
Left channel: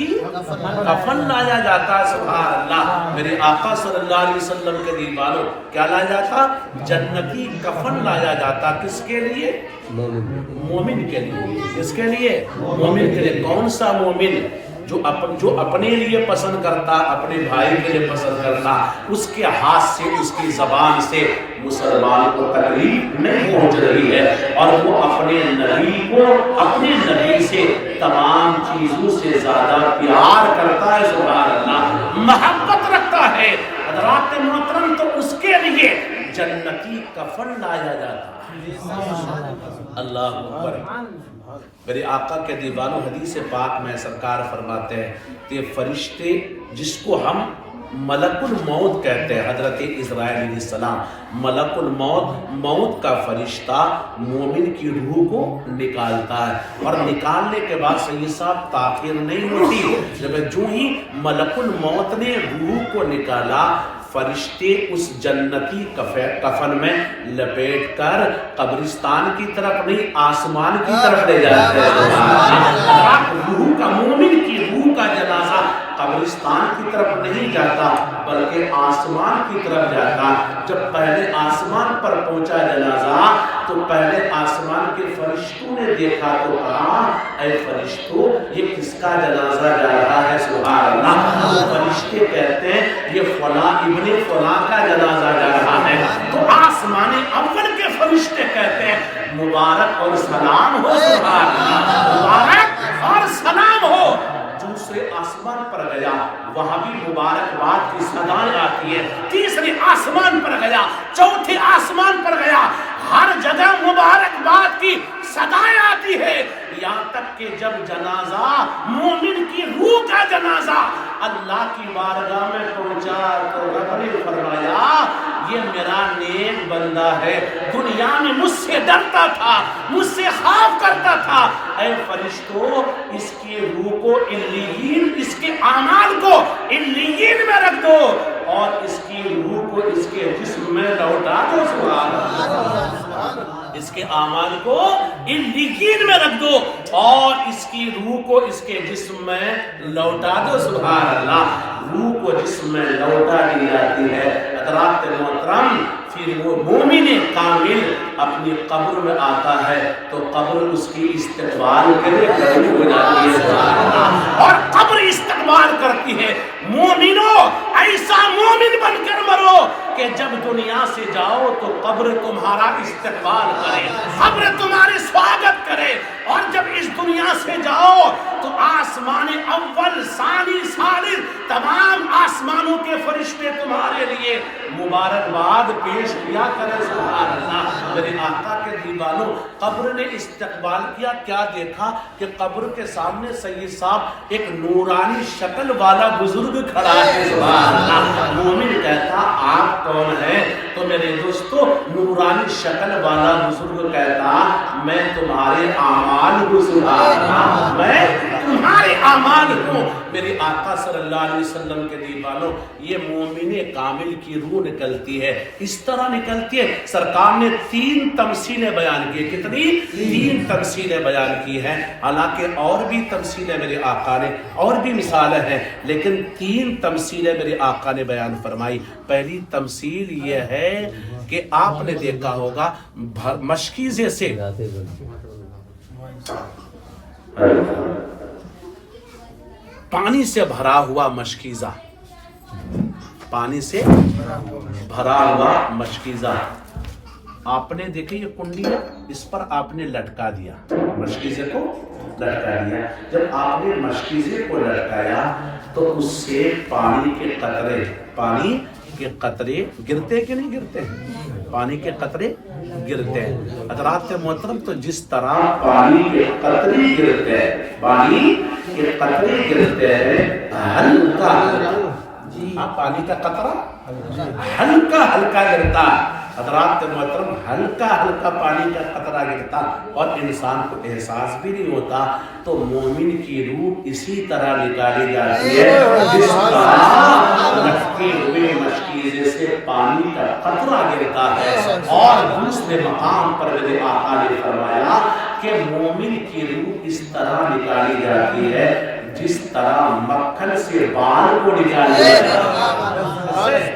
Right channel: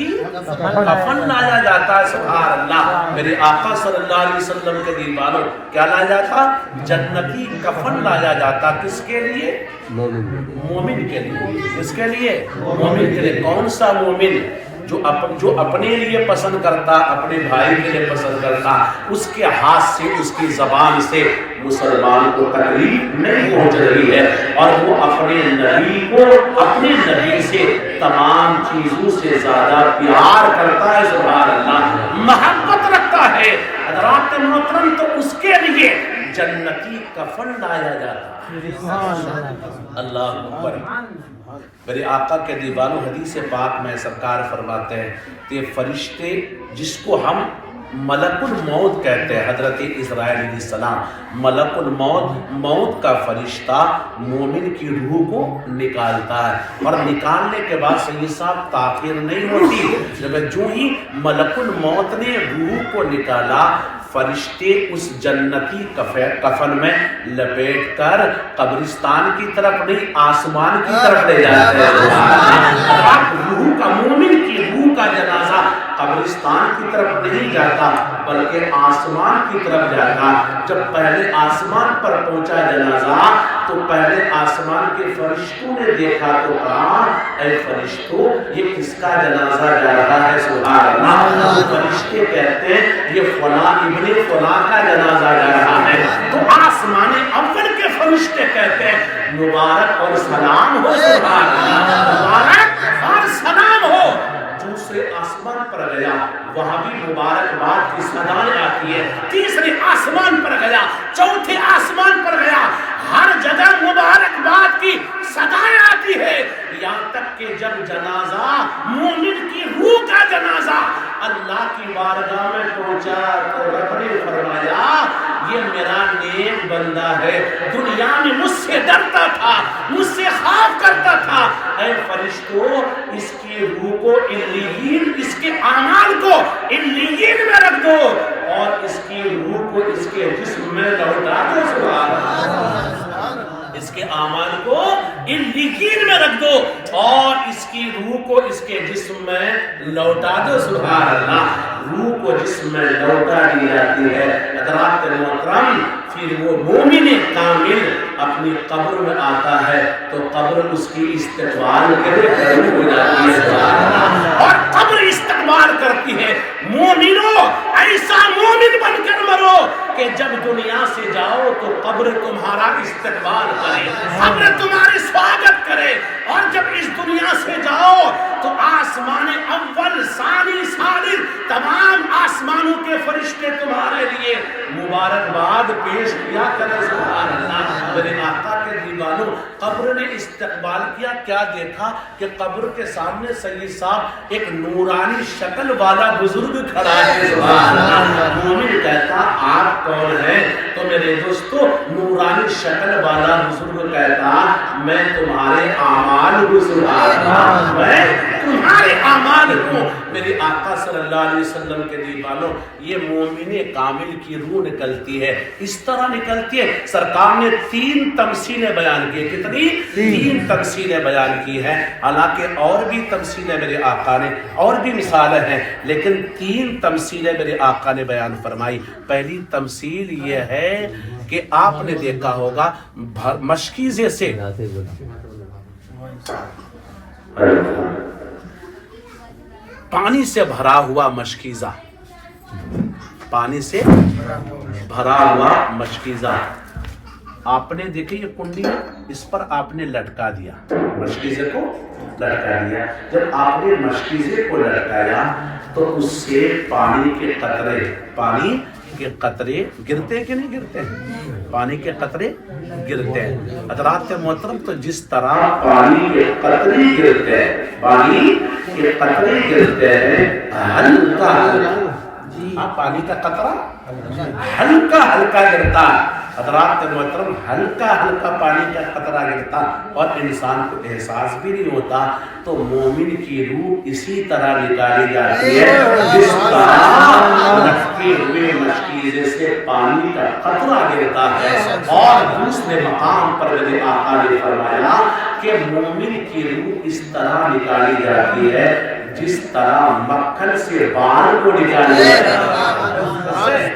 کفن لایا جاتا ہے۔ سبحان اللہ، میرے آقا صلی اللہ علیہ وسلم کے دیوانوں، کیا لایا جاتا؟ جنتی کفن لایا جاتا۔ کس کے لیے؟ مومن کے لیے۔ کس کے لیے؟ مومن کے لیے۔ کون سا مومن؟ جو اپنے لیے پسند کرتا، اپنے بھائی کے لیے پسند کرتا، اس کے ہاتھ سے، اس کی زبان سے مسلمان کو تکلیف نہیں پہنچ رہی ہے، اور وہ اپنے نبی کو، اپنے نبی سے تمام چیزوں سے زیادہ پیار کرتا ہے۔ سبحان اللہ، محبت رکھتا ہے۔ حضرات محترم، تو اس کے لیے جنتی کفن لایا جاتا ہے۔ اللہ اکبر۔ میرے آقا کے دیوانوں، حدیث پاک میں سرکار فرماتے ہیں کہ فرشتے جس کو ہم ملک الموت کہتے ہیں، حضرت اسرائیل علیہ السلام، ملک الموت، موت کا فرشتہ مومن کی روح کو نکالتا ہے، اور نکالنے کے بعد سید صاحب تاخیر نہیں ہوتی، جب جو ہی ملک الموت نے روح کو نکالا، فرشتے اس جنتی کفن میں لپیٹ کر قبرستان کی طرف نہیں، آسمان کی طرف لے جاتے ہیں۔ روح کا، مومن کی روح کا جنازہ قبرستان کی طرف نہیں جاتا بلکہ آسمان کی طرف جاتا۔ جب پہلے آسمان پر پہنچا جنازہ تو پہلے آسمان کے فرشتوں نے دیکھا تو کہا، اے فرشتوں، یہ کس کا جنازہ جا رہا ہے؟ سبحان اللہ۔ فرشتے کہتے ہیں یہ فلاں ابن فلاں کا جنازہ جا رہا ہے، تو آسمان اول کے فرشتے کہتے ہیں مبارک اور سلام ہو۔ سبحان اللہ، مبارک اور سلام ہو۔ دوسرے آسمان پر گیا، وہاں بھی مبارکباد کی صدائیں آتی ہے۔ تیسرے آسمان پر گیا، چوتھے آسمان پر گیا، ہر جگہ مبارکباد کی صدائیں آتی ہے، یہاں تک کہ جب جنازہ، مومن کی روح کا جنازہ اللہ کی بارگاہ میں پہنچا تو رب نے فرمایا یہ میرا نیک بندہ ہے، دنیا میں مجھ سے ڈرتا تھا، مجھ سے خوف کرتا تھا، اے فرشتوں اس کی روح کو علیین، اس کے اعمال کو علیین میں رکھ دو، اور اس کی روح کو اس کے جسم میں لوٹا دو۔ سبحان اللہ، اس کے اعمال کو علیین میں رکھ دو اور اس کی روح کو اس کے جسم میں لوٹا دو۔ سبحان اللہ، روح کو جسم میں لوٹا دی جاتی ہے۔ حضرات محترم، پھر وہ مومن کامل اپنی قبر میں آتا ہے تو قبر اس کی استقبال کے لیے کھڑی ہو جاتی ہے، اور قبر استقبال کرتی ہے۔ مومنوں، ایسا مومن بن کر مرو کہ جب دنیا سے جاؤ تو قبر تمہارا استقبال کرے، قبر تمہاری سواگت کرے، اور جب اس دنیا سے جاؤ تو آسمان اول، ثانی، ثالث، تمام آسمانوں کے فرشتے تمہارے لیے مبارکباد پیش کیا کرے۔ سبحان اللہ، میرے آقا کے دیوانوں، قبر نے استقبال کیا، کیا دیکھا کہ قبر کے سامنے سید صاحب ایک نورانی شکل والا بزرگ کھڑا ہے۔ سبحان اللہ، مومن کہتا آپ کون ہیں؟ تو میرے دوستو، نورانی شکل والا بزرگ کہتا میں تمہارے اعمال ہوں۔ سبحان اللہ، میں تمہارے اعمال ہوں۔ میرے آقا صلی اللہ علیہ وسلم کے دیوانوں، یہ مومن کامل کی روح نکلتی ہے، اس طرح نکلتی ہے۔ سرکار نے 3 تمثیلیں بیان کی، کتنی؟ 3 تمثیلیں بیان کی ہیں، حالانکہ اور بھی تمثیلیں میرے آقا نے، اور بھی مثالیں ہیں، لیکن 3 تمثیلیں میرے آقا نے بیان فرمائی۔ پہلی تمثیل یہ ہے کہ آپ نے دیکھا ہوگا مشکیزے سے پانی سے بھرا ہوا مشکیزہ، پانی سے بھرا ہوا مشکیزہ، آپ نے دیکھیں یہ کنڈی ہے، اس پر آپ نے لٹکا دیا، مشکیزے کو لٹکا دیا۔ جب آپ نے مشکیزے کو لٹکایا تو اس سے پانی کے قطرے گرتے کہ نہیں گرتے ہیں؟ پانی کے قطرے گرتے ہیں۔ حضرات محترم، تو جس طرح پانی کے قطرے گرتے ہیں، پانی کے قطرے گرتے ہیں ہلکا ہلکا، پانی کا قطرہ ہلکا ہلکا گرتا ہے۔ حضرات محترم ہلکا ہلکا پانی کا قطرہ گرتا اور انسان کو احساس بھی نہیں ہوتا، تو مومن کی روح اسی طرح نکالی جاتی ہے جس طرح لٹکے ہوئے مشکیزے سے پانی کا قطرہ گرتا ہے۔ اور دوسرے مقام پر میرے آقا نے فرمایا کہ مومن کی روح اس طرح نکالی جاتی ہے جس طرح مکھن سے بال کو نکالا جاتا ہے۔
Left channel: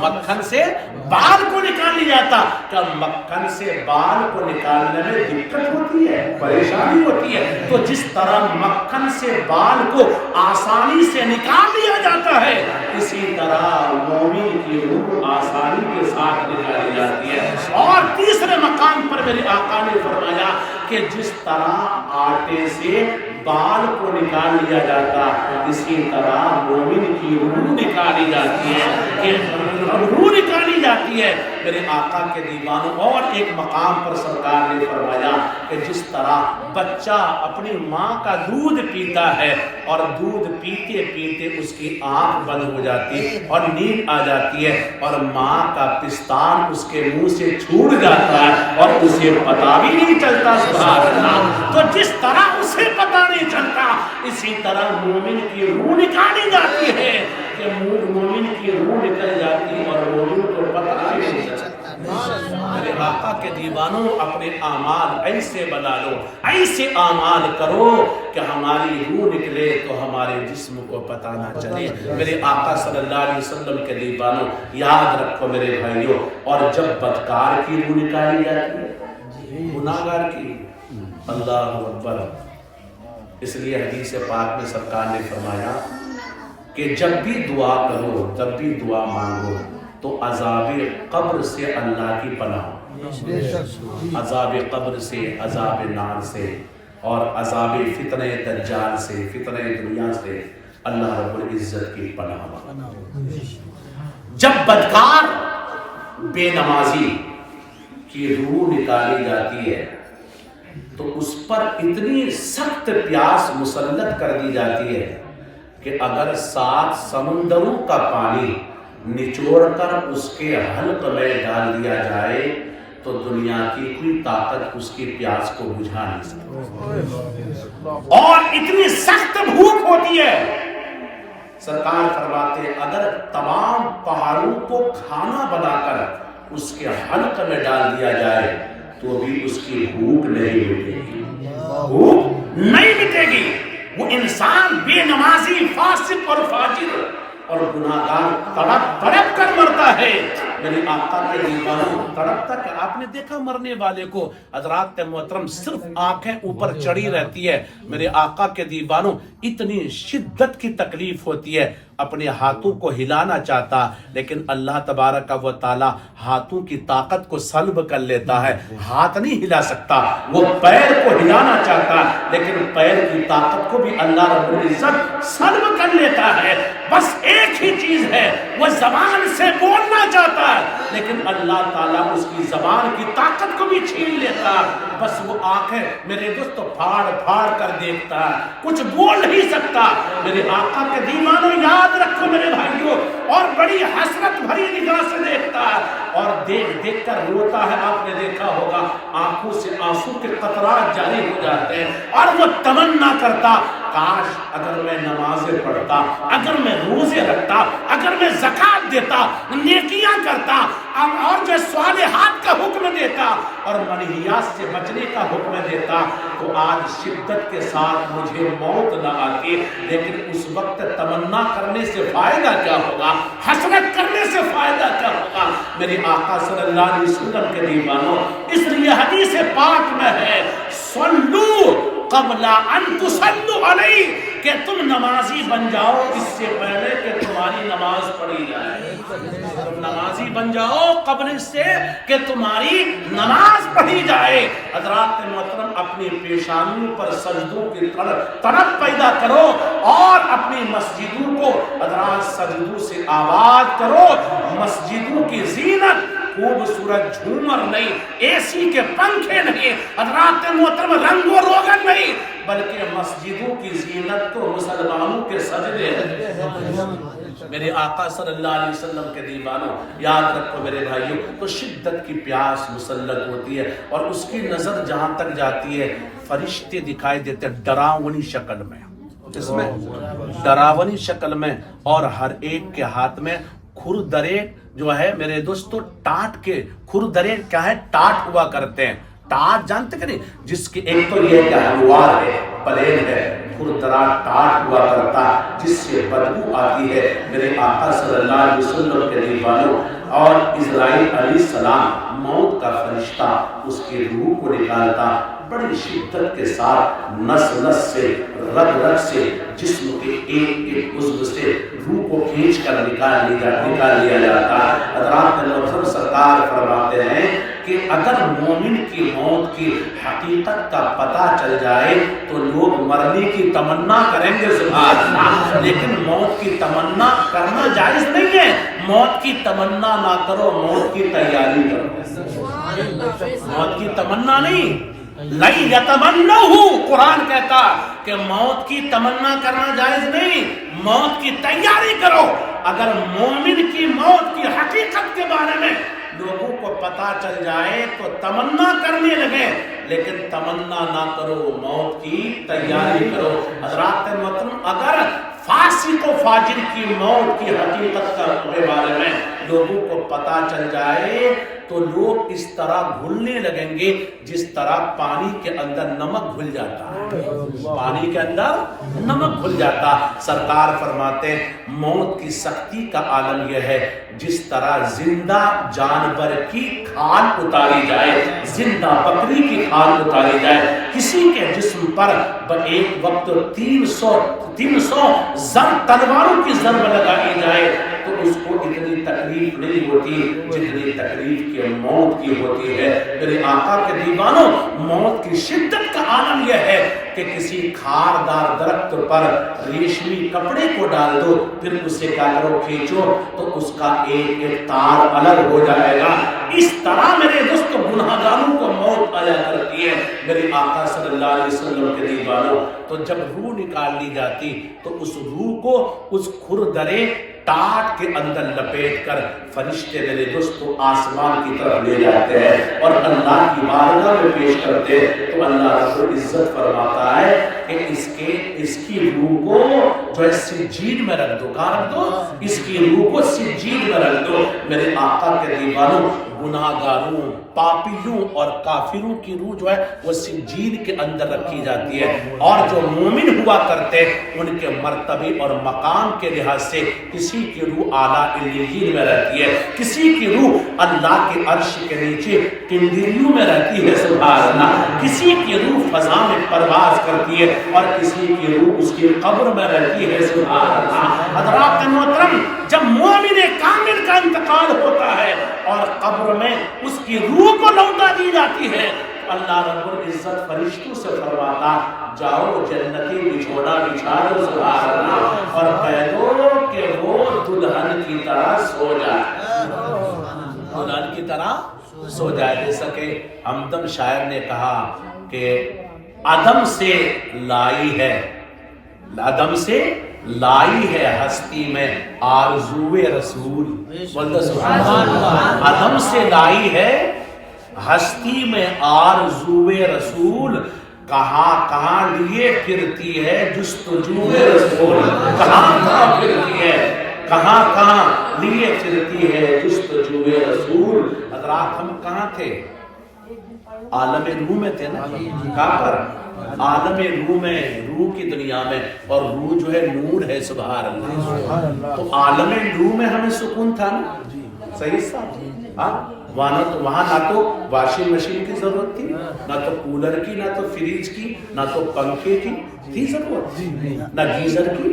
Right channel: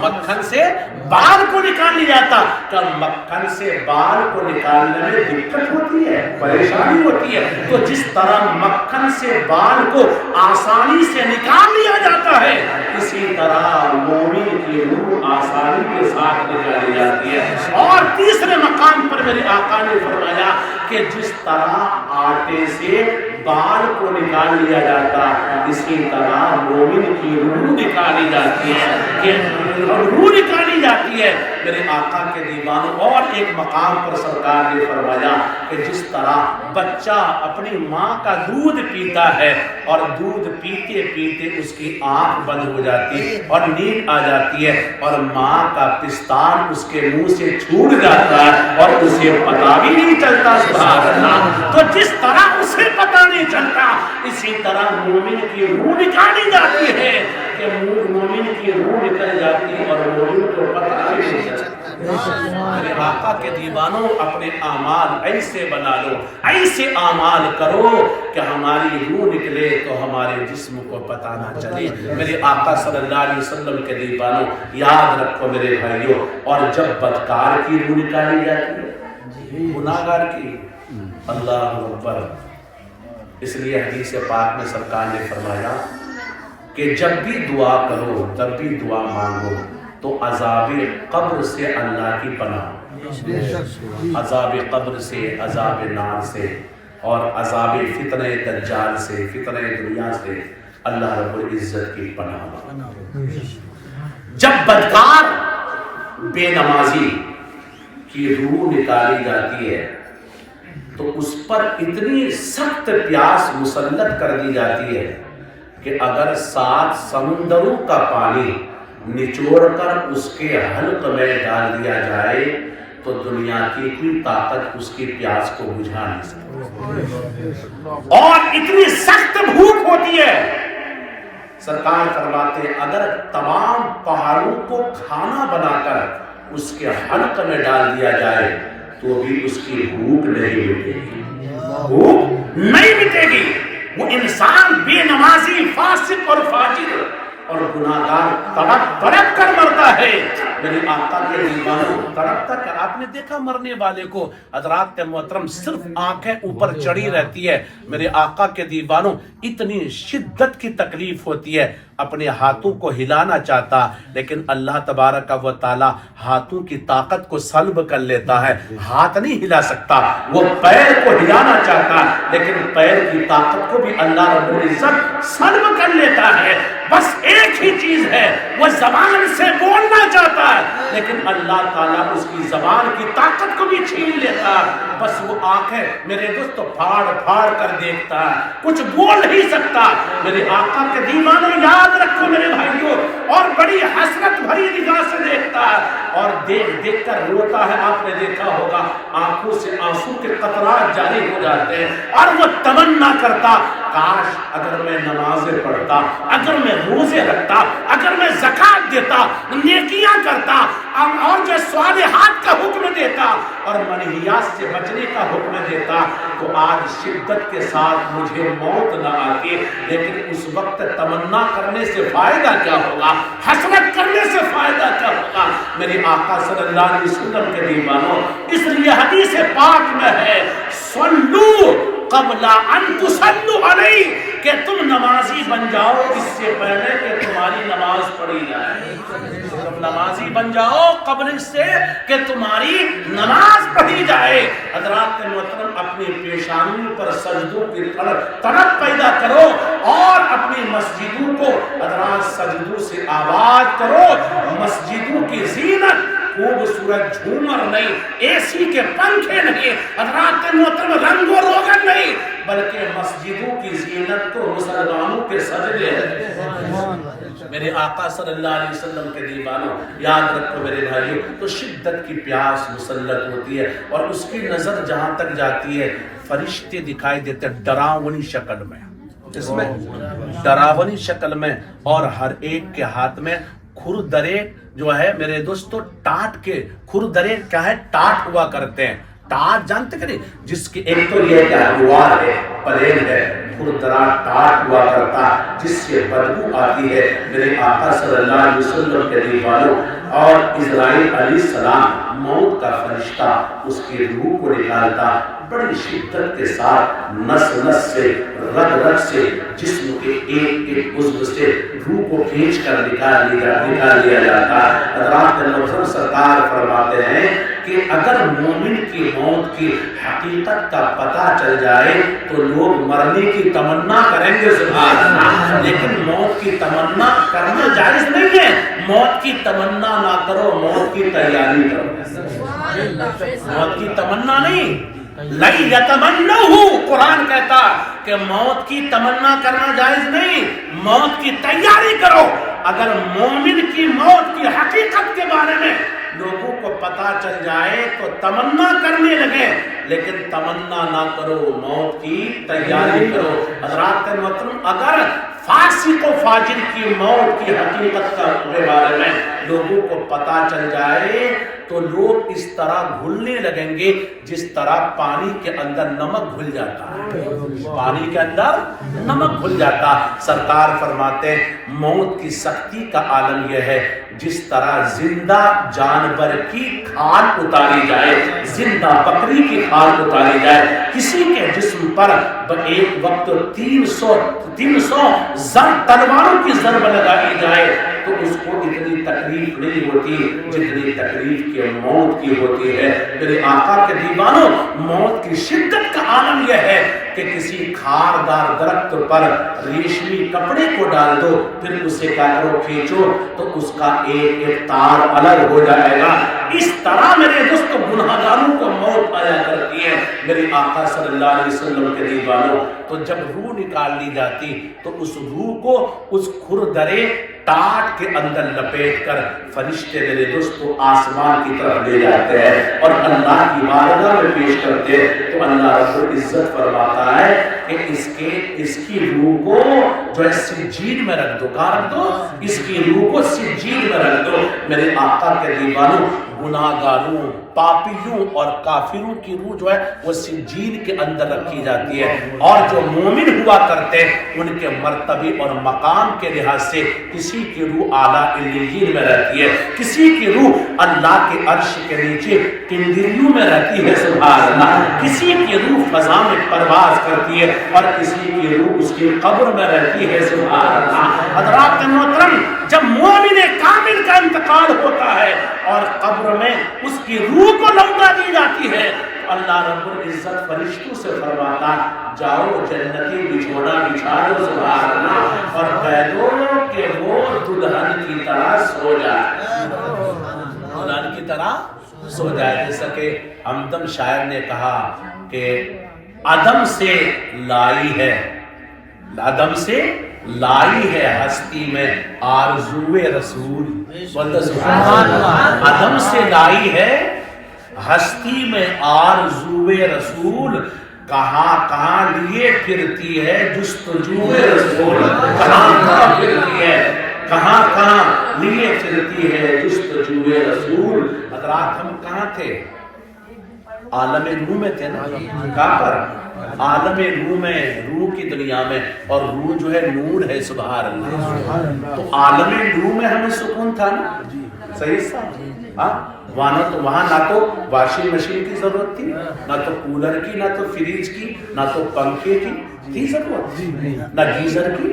مکھن سے بال کو نکال لیا جاتا، کہ مکھن سے بال کو نکالنے میں دقت ہوتی ہے، پریشانی ہوتی ہے، تو جس طرح مکھن سے بال کو آسانی سے نکال لیا جاتا ہے، اسی طرح مومن کی روح آسانی کے ساتھ نکالی جاتی ہے۔ اور تیسرے مقام پر میرے آقا نے فرمایا کہ جس طرح آٹے سے بال کو نکال لیا جاتا، اسی طرح مومن کی روح نکالی جاتی ہے، کہ روح نکالی جاتی ہے میرے آقا کے دیوانوں۔ اور ایک مقام پر سرکار نے فرمایا کہ جس طرح بچہ اپنی ماں کا دودھ پیتا ہے اور دودھ پیتے پیتے اس کی آنکھ بند ہو جاتی اور نیند آ جاتی ہے اور ماں کا پستان اس کے منہ سے چھوٹ جاتا ہے اور اسے پتہ بھی نہیں چلتا، سبحان اللہ، تو جس طرح اسے پتہ نہیں چلتا، اسی طرح مومن کی روح نکالی جاتی ہے، کہ مومن کی روح نکل جاتی ہے اور مومن کو پتہ نہیں چلتا۔ میرے آقا کے دیوانوں، اپنے اعمال ایسے بنا لو، ایسے اعمال کرو کہ ہماری روح نکلے تو ہمارے جسم کو پتہ نہ چلے۔ میرے آقا صلی اللہ علیہ وسلم کے دیوانوں، یاد رکھو میرے بھائیوں، اور جب بدکار کی روح نکالی جاتی ہے، گناہگار کی، اللہ اکبر، اس لیے حدیث پاک میں سرکار نے فرمایا کہ جب بھی دعا کرو، جب بھی دعا مانگو تو عذاب قبر سے اللہ کی پناہ، عذاب قبر سے، عذاب نار سے، اور عذاب فتنہ دجال سے، فتنہ دنیا سے اللہ رب العزت کی پناہ مانگو۔ جب بدکار بے نمازی کی روح نکالی جاتی ہے تو اس پر اتنی سخت پیاس مسلط کر دی جاتی ہے کہ اگر 7 سمندروں کا پانی نچوڑ کر اس کے حلق میں ڈال دیا جائے تو دنیا کی کوئی طاقت اس کی پیاس کو بجھا نہیں سکتی، اور اتنی سخت بھوک ہوتی ہے۔ سرکار فرماتے ہیں اگر تمام پہاڑوں کو کھانا بنا کر اس کے حلق میں ڈال دیا جائے تو بھی اس کی بھوک نہیں مٹے گی، بھوک نہیں مٹے گی۔ وہ انسان بے نمازی، فاسق اور فاجر اور گناہگار تڑپ تڑپ کر مرتا ہے۔ میرے آقا کے دیوانوں، تڑپ کر آپ نے دیکھا مرنے والے کو، حضرات محترم، صرف آنکھیں اوپر چڑھی رہتی ہے۔ میرے آقا کے دیوانوں، اتنی شدت کی تکلیف ہوتی ہے، اپنے ہاتھوں کو ہلانا چاہتا لیکن اللہ تبارک و تعالی ہاتھوں کی طاقت کو سلب کر لیتا ہے، ہاتھ نہیں ہلا سکتا۔ وہ پیر کو ہلانا چاہتا لیکن پیر کی طاقت کو بھی اللہ رب العزت سلب کر لیتا ہے۔ بس ایک ہی چیز ہے، وہ زبان سے بولنا چاہتا ہے لیکن اللہ تعالیٰ اس کی زبان کی طاقت کو بھی چھین لیتا ہے۔ بس وہ آنکھیں میرے دوستو پھاڑ پھاڑ کر دیکھتا ہے، کچھ بول نہیں سکتا۔ میرے آقا کے دیوانوں، یاد رکھو میرے بھائیوں، اور بڑی حسرت بھری نگاہ سے دیکھتا ہے اور دیکھ دیکھ کر روتا ہے۔ آپ نے دیکھا ہوگا آنکھوں سے آنسو کے قطرات جاری ہو جاتے ہیں اور وہ تمنا کرتا کاش اگر میں نمازیں پڑھتا، اگر میں روزے رکھتا، اگر میں زکات دیتا، نیکیاں کرتا اور جو صالحات کا حکم دیتا اور منہیات سے بچنے کا حکم دیتا تو آج شدت کے ساتھ مجھے موت نہ آتی۔ لیکن اس وقت تمنا کرنے سے فائدہ کیا ہوگا، حسرت کرنے سے فائدہ کیا ہوگا؟ میرے آقا صلی اللہ علیہ وسلم کے دیوانوں، اس لیے حدیث پاک میں ہے صلو قبل ان تصلوا علی، کہ تم نمازی بن جاؤ اس سے پہلے کہ تمہاری نماز پڑھی جائے۔ تم نمازی بن جاؤ قبل اس سے کہ تمہاری نماز پڑھی جائے۔ حضرات محترم، اپنی پیشانیوں پر سجدوں کی طلب پیدا کرو اور اپنی مسجدوں کو حضرات سجدوں سے آباد کرو۔ مسجدوں کی زینت خوبصورت جھومر نہیں، اے سی کے پنکھے نہیں، حضرات محترم رنگ و روغن نہیں، بلکہ مسجدوں کی زینت تو مسلمانوں کے سجدے ہیں۔ میرے آقا صلی اللہ علیہ وسلم کے دیوانوں، یاد رکھو میرے بھائیوں، تو شدت کی پیاس مسلط ہوتی ہے اور اس کی نظر جہاں تک جاتی ہے فرشتے دکھائی دیتے ڈراؤنی شکل میں، اس میں ڈراؤنی شکل میں، اور ہر ایک کے ہاتھ میں کھردرے جو ہے میرے دوستو ٹاٹ کے، کھردرے کیا ہے؟ ٹاٹ ہوا کرتے ہیں۔ ٹاٹ جانتے کہ نہیں؟ جس کی ایک تو یہ کہ ہموار ہے، پلین ہے، کھردرا ٹاٹ ہوا کرتا جس سے بدبو آتی ہے۔ میرے آقا صلی اللہ علیہ وسلم کے دیوانوں، اور اسرائیل علیہ السلام موت کا فرشتہ اس کی روح کو نکالتا، بڑی شدت کے ساتھ نس نس سے، رگ رگ سے، جسم کے ایک ایک عضو سے روح کو کھینچ کر نکال لیا جاتا۔ حضرات محترم سرکار فرماتے ہیں کہ اگر مومن کی موت کی حقیقت کا پتہ چل جائے تو لوگ مرنے کی تمنا کریں گے سبحان اللہ، لیکن موت کی تمنا کرنا جائز نہیں ہے۔ موت کی تمنا نہ کرو، موت کی تیاری کرو۔ موت کی تمنا نہیں، لَن يَتَمَنَّوْهُ، قرآن کہتا کہ موت کی تمنا کرنا جائز نہیں، موت کی تیاری کرو۔ اگر مومن کی موت کی حقیقت کے بارے میں لوگوں کو پتا چل جائے تو تمنا کرنے لگے، لیکن تمنا نہ کرو، موت کی تیاری کرو۔ حضرات محترم، اگر فاسق و فاجر کی موت کی حقیقت کے بارے میں لوگوں کو پتا چل جائے تو لوگ اس طرح گھلنے لگیں گے جس طرح پانی کے اندر نمک گھل جاتا ہے، پانی کے اندر نمک گھل جاتا۔ سرکار فرماتے ہیں موت کی سختی کا عالم یہ ہے جس طرح زندہ جانور کی کھال اتاری جائے، زندہ بکری کی کھال اتاری جائے، کسی کے جسم پر ایک وقت 300 تلواروں کی ضرب لگائی جائے تو اس کو اتنی تکلیف نہیں ہوتی جتنی تکلیف کے موت کی ہوتی ہے۔ میرے آقا کے دیوانوں، موت کی شدت کا عالم یہ ہے کہ کسی کھاردار درخت پر ریشمی کپڑے کو ڈال دو، پھر اسے کیا کرو؟ کھینچو تو اس کا ایک ایک تار الگ ہو جائے گا۔ اس طرح میرے دوستو گناہگاروں کو موت آیا کرتی ہے۔ میرے آقا صلی اللہ علیہ وسلم کے دیوانوں، تو جب روح نکال لی جاتی تو اس روح کو اس کھردرے ٹاٹ کے اندر لپیٹ کر فرشتے میرے دوستو آسمان کی طرف لے جاتے ہیں اور اللہ کی بارگاہ میں پیش کرتے ہیں۔ تو اللہ رب العزت فرماتا ہے کہ اس کی روح کو جو ہے سجین میں رکھ دو، کہاں رکھ دو؟ اس کی روح کو سجین میں رکھ دو۔ میرے آقا کے دیوانوں، گناہگاروں، پاپیوں اور کافروں کی روح جو ہے وہ سجین کے اندر رکھی جاتی ہے، اور جو مومن ہوا کرتے ان کے مرتبے اور مقام کے لحاظ سے کسی کی روح اعلیٰ علیین میں رہتی ہے، کسی کی روح اللہ کے عرش کے نیچے کنڈیریوں میں رہتی ہے سبحان اللہ، کسی کی روح فضا میں پرواز کرتی ہے اور کسی کی روح اس کی قبر میں رہتی ہے سبحان اللہ۔ حضرات محترم، جب مومن کامل کا انتقال ہوتا ہے اور قبر میں اس کی روح کو لوٹا دی جاتی ہے، اللہ رب العزت فرشتوں سے فرماتا جاؤ جنتی بچھونا بچھا دو سبحان اللہ، اور کہہ دو کہ وہ دلہن کی طرح سو جائے، دلہن کی طرح سو جائے۔ جیسا کہ ہمدم شاعر نے کہا کہ عدم سے لائی ہے، عدم سے لائی ہے ہستی میں آرزوئے رسول، بولتے سبحان اللہ، عدم سے لائی ہے ہستی میں آرزوئے رسول، کہاں کہاں لیے پھرتی ہے جستجوئے رسول، کہاں کہاں پھرتی ہے، کہاں کہاں لیے پھرتی ہے جستجوئے رسول۔ حضرات ہم کہاں تھے؟ عالم روح میں تھے نا، کہاں پر؟ عالم روح میں، روح کی دنیا میں، اور روح جو ہے نور ہے سبحان اللہ۔ تو عالم روح میں ہمیں سکون تھا نا، صحیح صاحب، وہاں نہ تو واشنگ مشین کی ضرورت تھی، نہ تو کولر کی، نہ تو فریج کی، نہ تو پنکھے کی تھی ضرورت، نہ گیزر کی،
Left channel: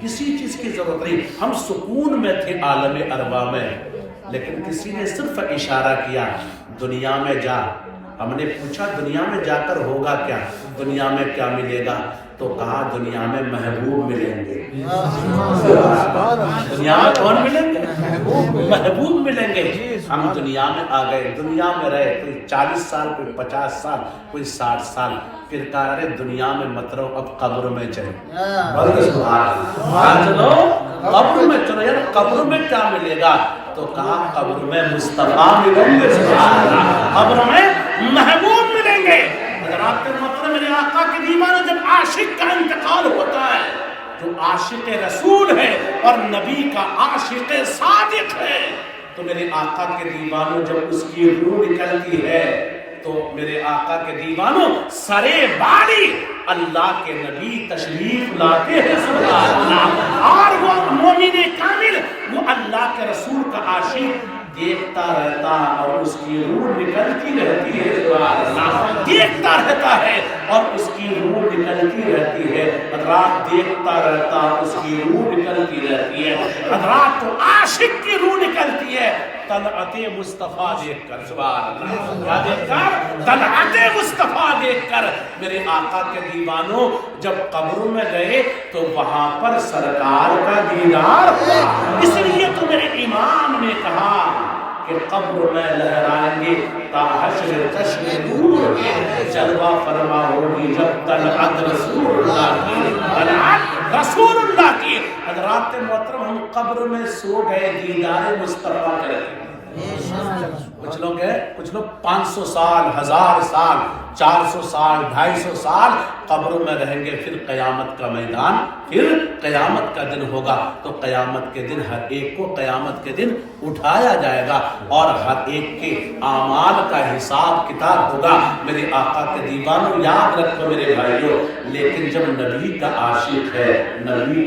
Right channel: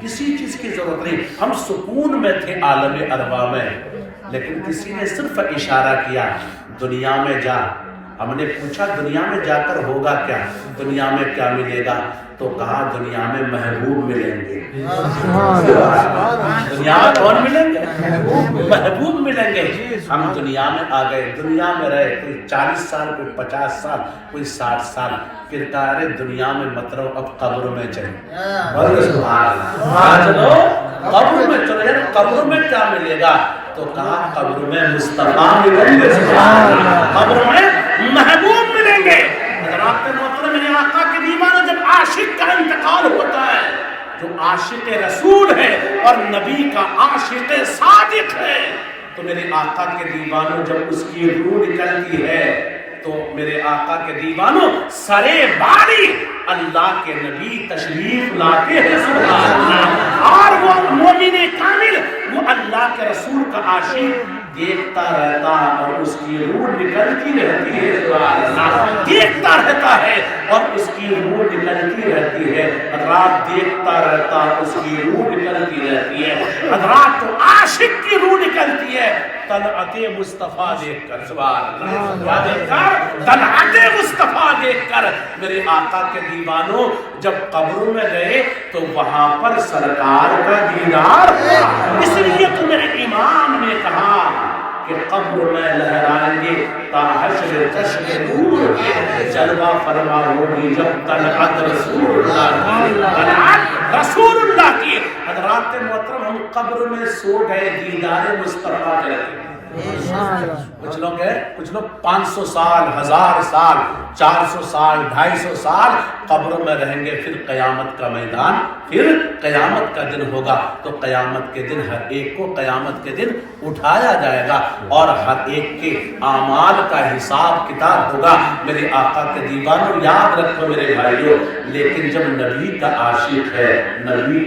کسی چیز کی ضرورت نہیں، ہم سکون میں تھے عالم ارواح میں۔ لیکن کسی نے صرف اشارہ کیا دنیا میں جا، ہم نے پوچھا دنیا میں جا کر ہوگا کیا، دنیا میں کیا ملے گا؟ تو کہا دنیا میں محبوب ملیں گے۔ دنیا میں کون ملیں گے؟ محبوب ملیں گے۔ ہم دنیا میں آ گئے، دنیا میں رہے، کوئی 40 سال، کوئی 50 سال، کوئی 60 سال، پھر کہا ارے دنیا میں مت رہو، اب قبر میں چلو۔ چلو قبر میں چلو، یار قبر میں کیا ملے گا؟ تو کہا قبر میں مصطفیٰ ملیں گے، قبر میں محبوب ملیں گے۔ حضرات محترم، میرے آقا کے دیوانوں، جب عاشق کا انتقال ہوتا ہے، جو عاشق رسول ہے اور نبی کا عاشق صادق ہے، تو میرے آقا کے دیوانوں جب اس کی روح نکلتی ہے تو میرے آقا کے دیوانوں سرے باری اللہ کے نبی تشریف لاتے ہیں، سبحان اللہ۔ اور وہ مومن کامل، وہ اللہ کے رسول کا عاشق دیکھتا رہتا اور اس کی روح نکلتی رہتی ہے، سبحان اللہ۔ دیکھتا رہتا ہے اور اس کی روح نکلتی رہتی ہے، حضرات دیکھتا رہتا اس کی روح نکلتی رہتی ہے، حضرات تو عاشق کی روح نکلتی ہے طلعت مصطفیٰ دیکھ کر، سبحان اللہ۔ کیا دیکھ کر؟ طلعت مصطفیٰ دیکھ کر۔ میرے آقا کے دیوانوں جب قبر میں گئے تو وہاں پر سرکار کا دیدار ہوا، اس لیے تو میرے امام نے کہا کہ قبر میں لہرائیں گے تا حشر چشم نور کے، جلوہ فرما ہوگی جب طلعت رسول اللہ کی، طلعت رسول اللہ کی۔ حضرات محترم، ہم قبر میں سو گئے دیدار مصطفیٰ کریں۔ کچھ لوگ ہیں، کچھ لوگ 500 سال، 1000 سال، 400 سال، 250 سال قبر میں رہیں گے، پھر قیامت کا میدان، پھر قیامت کا دن ہوگا تو قیامت کے دن ہر ایک کو قیامت کے دن اٹھایا جائے گا اور ہر ایک کے اعمال کا حساب کتاب ہوگا۔ میرے آقا کے دیوانوں یاد رکھو میرے بھائیوں، لیکن جب نبی کا عاشق ہے، نبی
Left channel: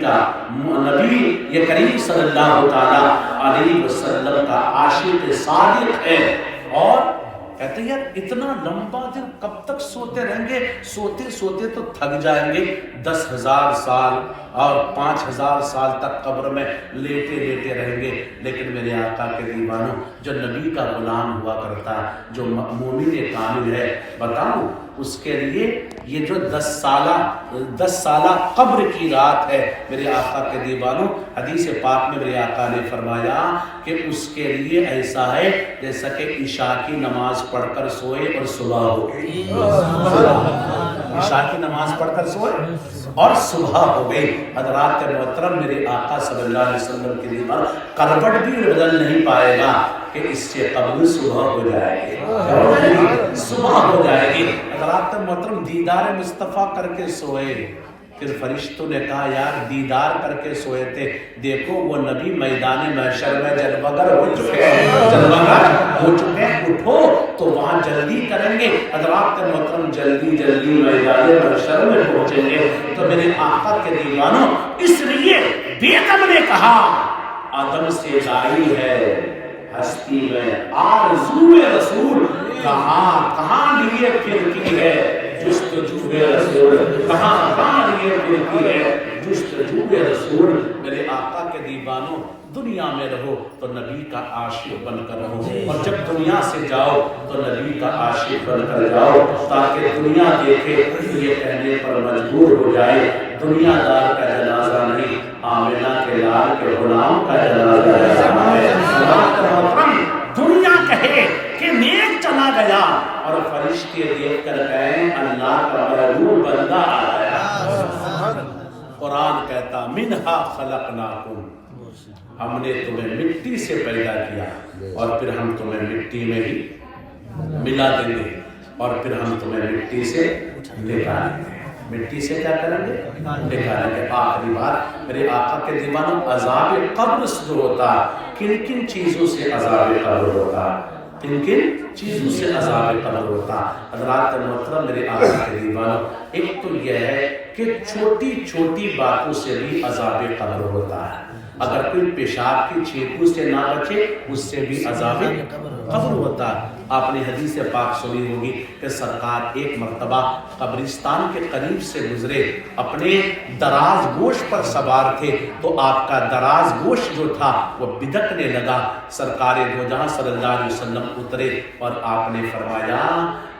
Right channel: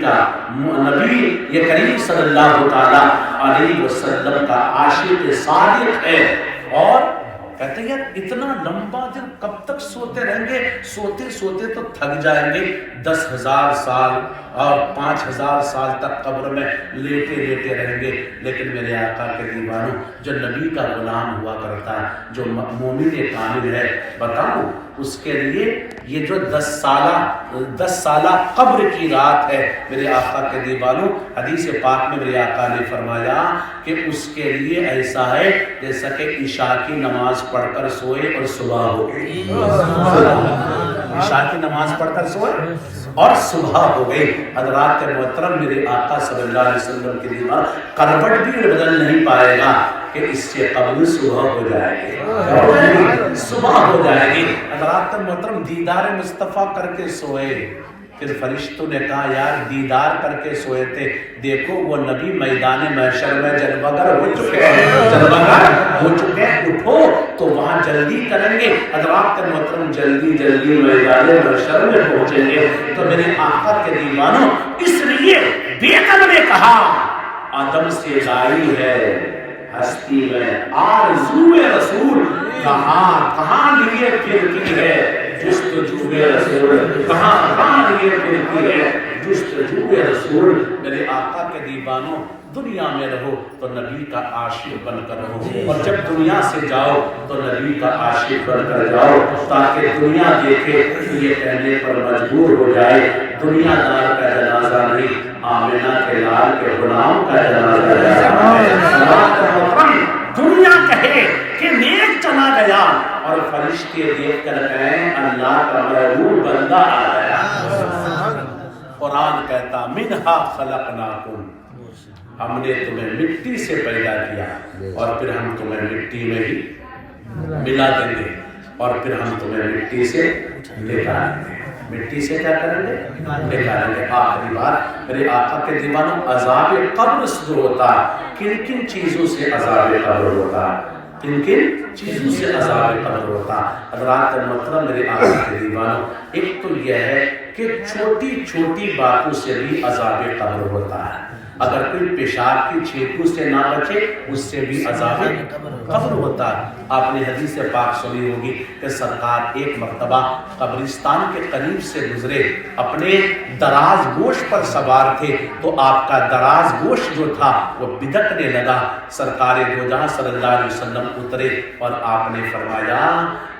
یہ کریم صلی اللہ تعالی علیہ وسلم کا عاشق صادق ہے، اور کہتے ہیں یار اتنا لمبا دن کب تک سوتے رہیں گے؟ سوتے سوتے تو تھک جائیں گے، 10,000 سال اور 5,000 سال تک قبر میں لیٹے لیٹے رہیں گے۔ لیکن میرے آقا کے دیوانوں، جو نبی کا غلام ہوا کرتا ہے، جو مومن کامل ہے، بتاؤں اس کے لیے یہ جو 10 سالہ قبر کی رات ہے، میرے آقا کے دیوانوں حدیث پاک میں میرے آقا نے فرمایا کہ اس کے لیے ایسا ہے جیسا کہ عشاء کی نماز پڑھ کر سوئے اور صبح ہو گئی، عشاء کی نماز پڑھ کر سوئے اور صبح ہو گئی۔ حضرات محترم، میرے آقا صلی اللہ علیہ وسلم کے دیوان کروٹ بھی بدل نہیں پائے گا کہ اس سے قبل صبح ہو جائے گی، صبح ہو جائے گی۔ حضرات محترم، دیدار مصطفیٰ کر کے سوئے، پھر فرشتوں نے کہا یار دیدار کر کے سوئے تھے، دیکھو وہ نبی میدان محشر میں جلوگر ہو چکے ہیں، جلوگر ہو چکے ہیں، اٹھو تو وہاں جلدی کریں گے۔ حضرات محترم جلدی جلدی میدان محشر میں پہنچیں گے۔ تو میرے آقا کے دیوانوں، اس لیے بیگم نے کہا آدم سے لائی ہے ہستی میں آرزوئے رسول، کہاں لیے پھرتی ہے جستجوئے رسول، کہاں لیے پھرتی ہے جستجوئے رسول۔ میرے آقا کے دیوانوں، دنیا میں رہو تو نبی کا عاشق بن کر رہو، اور جب دنیا سے جاؤ تو نبی کا عاشق بن کر جاؤ، تاکہ دنیا دیکھے یہ کہنے پر مجبور ہو جائے دنیا دار کا جنازہ نہیں، آمنہ کے لال کے غلام کا جنازہ ہے۔ دنیا کہے کہ نیک چلا گیا اور فرشتے دیکھ کر کہیں اللہ کا محبوب بندہ آیا۔ قرآن کہتا منہا خلقناکم، ہم نے تمہیں مٹی سے پیدا کیا اور پھر ہم تمہیں مٹی میں ہی ملا دیں گے، اور پھر ہم تمہیں مٹی سے نکالیں گے۔ مٹی سے کیا کریں گے؟ نکالیں گے۔ آخری بات میرے آقا کے دیوانوں، عذاب قبر جو ہوتا ہے، کن کن چیزوں سے عذاب قبر ہوتا ہے؟ کن کن چیزوں سے عذاب قبر ہوتا ہے؟ حضرات محترم، میرے آقا کے دیوانوں، ایک تو یہ ہے کہ چھوٹی چھوٹی باتوں سے بھی عذاب قبر ہوتا ہے۔ اگر کوئی پیشاب کی چھینکوں سے نہ بچے اس سے بھی عذاب قبر ہوتا ہے۔ آپ نے حدیث پاک سنی ہوگی کہ سرکار ایک مرتبہ قبرستان کے قریب سے گزرے، اپنے دراز گوش پر سوار تھے، تو آپ کا دراز گوش جو تھا وہ بدکنے لگا۔ سرکار دو جہاں صلی اللہ علیہ وسلم اترے اور آپ نے فرمایا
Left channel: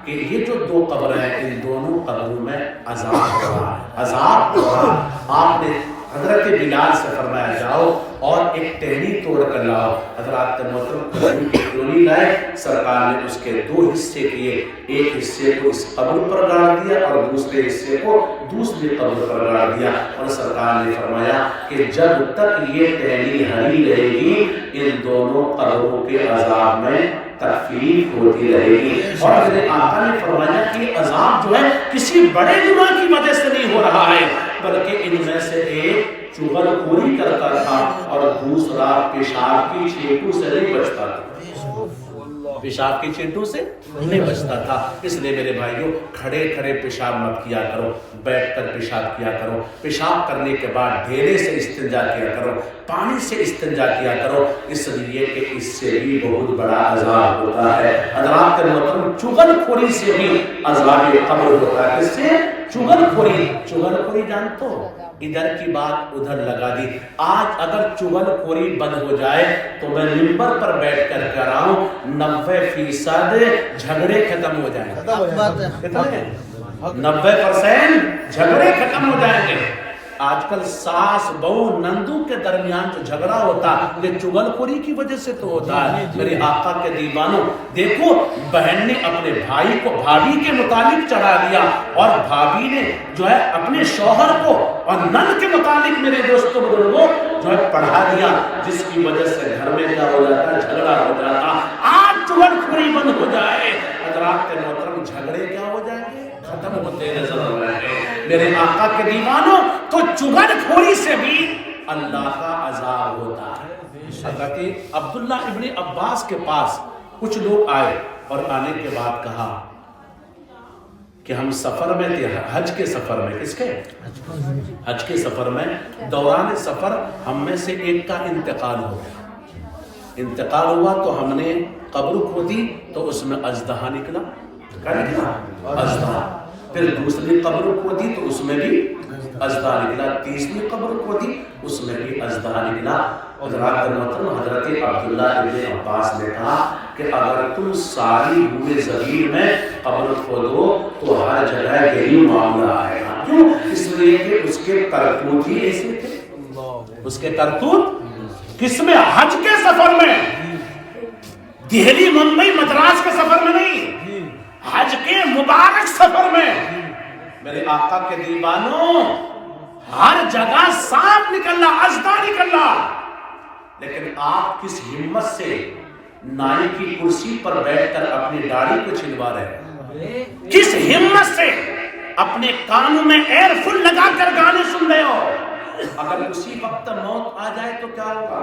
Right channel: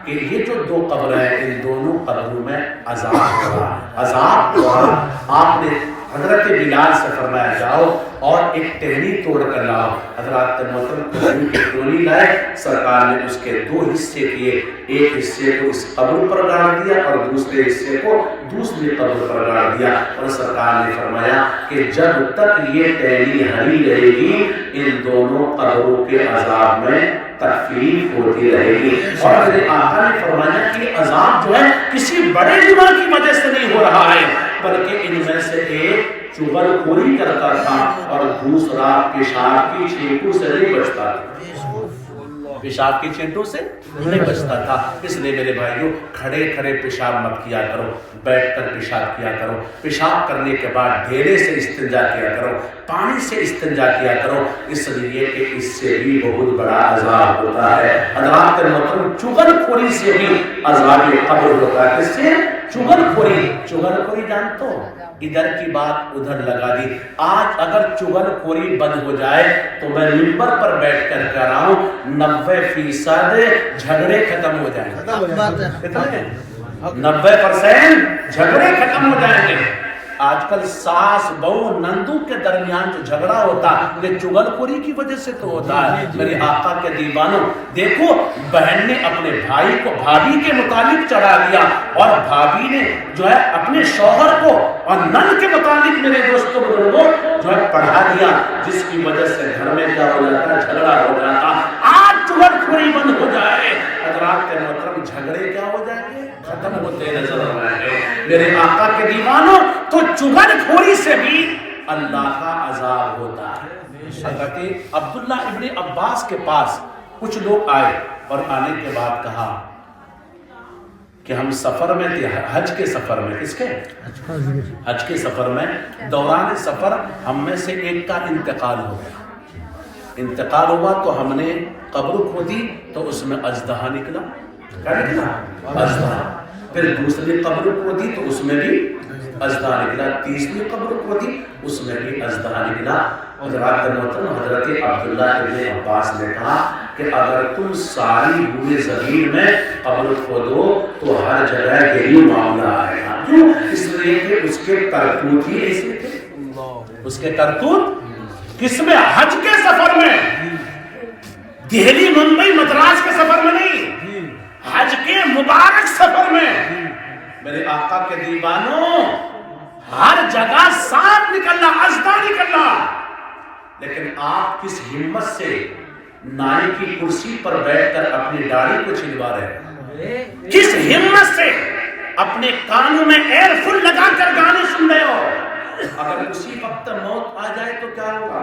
کہ یہ جو دو قبر ہیں ان دونوں قبروں میں عذاب ہو رہا ہے، عذاب ہو رہا ہے۔ آپ نے حضرت بلال سے فرمایا جاؤ اور ایک ٹہنی توڑ کر لاؤ۔ حضرات محترم کی ٹولی لائے، سرکار نے اس کے دو حصے کیے، ایک حصے کو اس قبر پر گاڑ دیا اور دوسرے حصے کو دوسری قبر پر گاڑ دیا، اور سرکار نے فرمایا کہ جب تک یہ ٹہنی ہری رہے گی ان دونوں قبروں کے عذاب میں تکلیف ہوتی رہے گی۔ اور میرے آقا نے فرمایا کہ عذاب جو ہے کسی بڑے گناہ کی وجہ سے نہیں ہو رہا ہے، بلکہ ان میں سے ایک چغل خوری کرتا تھا اور دوسرا پیشاب کی چھینٹوں سے نہیں بچتا تھا، پیشاب کی چھینٹوں سے نہیں بچتا تھا۔ اس لیے میرے بھائیوں کھڑے کھڑے پیشاب مت کیا کرو، بیٹھ کر پیشاب کیا کرو، پیشاب کرنے کے بعد ڈھیلے سے استنجا کیا کرو، پانی سے استنجا کیا کرو، اس لیے کہ اس سے بھی بہت بڑا عذاب ہوتا ہے۔ حضرات محترم چغل خوری سے بھی عذاب قبر ہوتا ہے۔ کس سے؟ چغل خوری۔ چغل خوری جانتے ہو؟ ادھر کی بات ادھر لگا دی۔ آج اگر چغل خوری بند ہو جائے تو میں منبر پر بیٹھ کر کہہ رہا ہوں 90% جھگڑے ختم ہو جائیں گے۔ کتنے؟ 90% جھگڑے ختم ہو جائیں گے۔ آج کل ساس بہو نندو کے درمیان جو جھگڑا ہوتا ہے یہ چغل خوری کی وجہ سے تو ہوتا ہے۔ میرے آقا کے دیوانوں دیکھو، بہن نے اپنے بھائی کو بھابھی کے متعلق چڑھا دیا اور بھابھی نے جو ہے اپنے شوہر کو اور نند کے متعلق میرے دوستوں بزرگوں جو ہے پڑھا دیا، جس کی وجہ سے گھر میں کیا ہو جاتا ہے؟ جھگڑا ہو جاتا۔ آج چغل خوری بند ہو جائے، حضرات محترم جھگڑے کیا ہو جائیں گے؟ ختم ہوتے نظر آ رہے ہیں۔ میرے آقا کے دیوانوں تو چغل خوری سے بھی اللہ کا عذاب ہوتا ہے۔ حضرت عبداللہ ابن عباس کے پاس کچھ لوگ آئے اور آنے کے بعد کہا کہ ہم سفر میں تھے، حج کے سفر میں۔ کس کے؟ حج کے سفر میں۔ دوران سفر ہم میں سے ایک کا انتقال ہو گیا، انتقال ہوا تو ہم نے قبر کھودی تو اس میں اژدہا نکلا۔ کیا نکلا؟ اژدہا۔ پھر دوسری قبر کھودی تو اس میں بھی اژدہا نکلا، تیسری قبر کھودی اس میں بھی اژدہا نکلا۔ حضرات محترم حضرت عبداللہ ابن عباس نے کہا کہ اگر تم ساری بوئے زمین میں قبر کھودو تو ہر جگہ یہی معاملہ آئے گا۔ کیوں؟ اس لیے کہ اس کے کرتوت ہی ایسے تھے۔ اس کے کرتوت کس میں؟ حج کے سفر میں، دہلی ممبئی مدراس کے سفر میں نہیں، حج کے مبارک سفر میں۔ میرے آقا کے دیوانوں ہر جگہ سانپ نکلنا، اژدہا نکلنا، لیکن آپ کس ہمت سے نائی کی کرسی پر بیٹھ کر اپنی داڑھی کو چھلوا رہے ہیں؟ کس ہمت سے اپنے کانوں میں ایئر فل لگا کر گانے سن رہے ہو؟ اگر اسی وقت موت آ جائے تو کیا ہوگا؟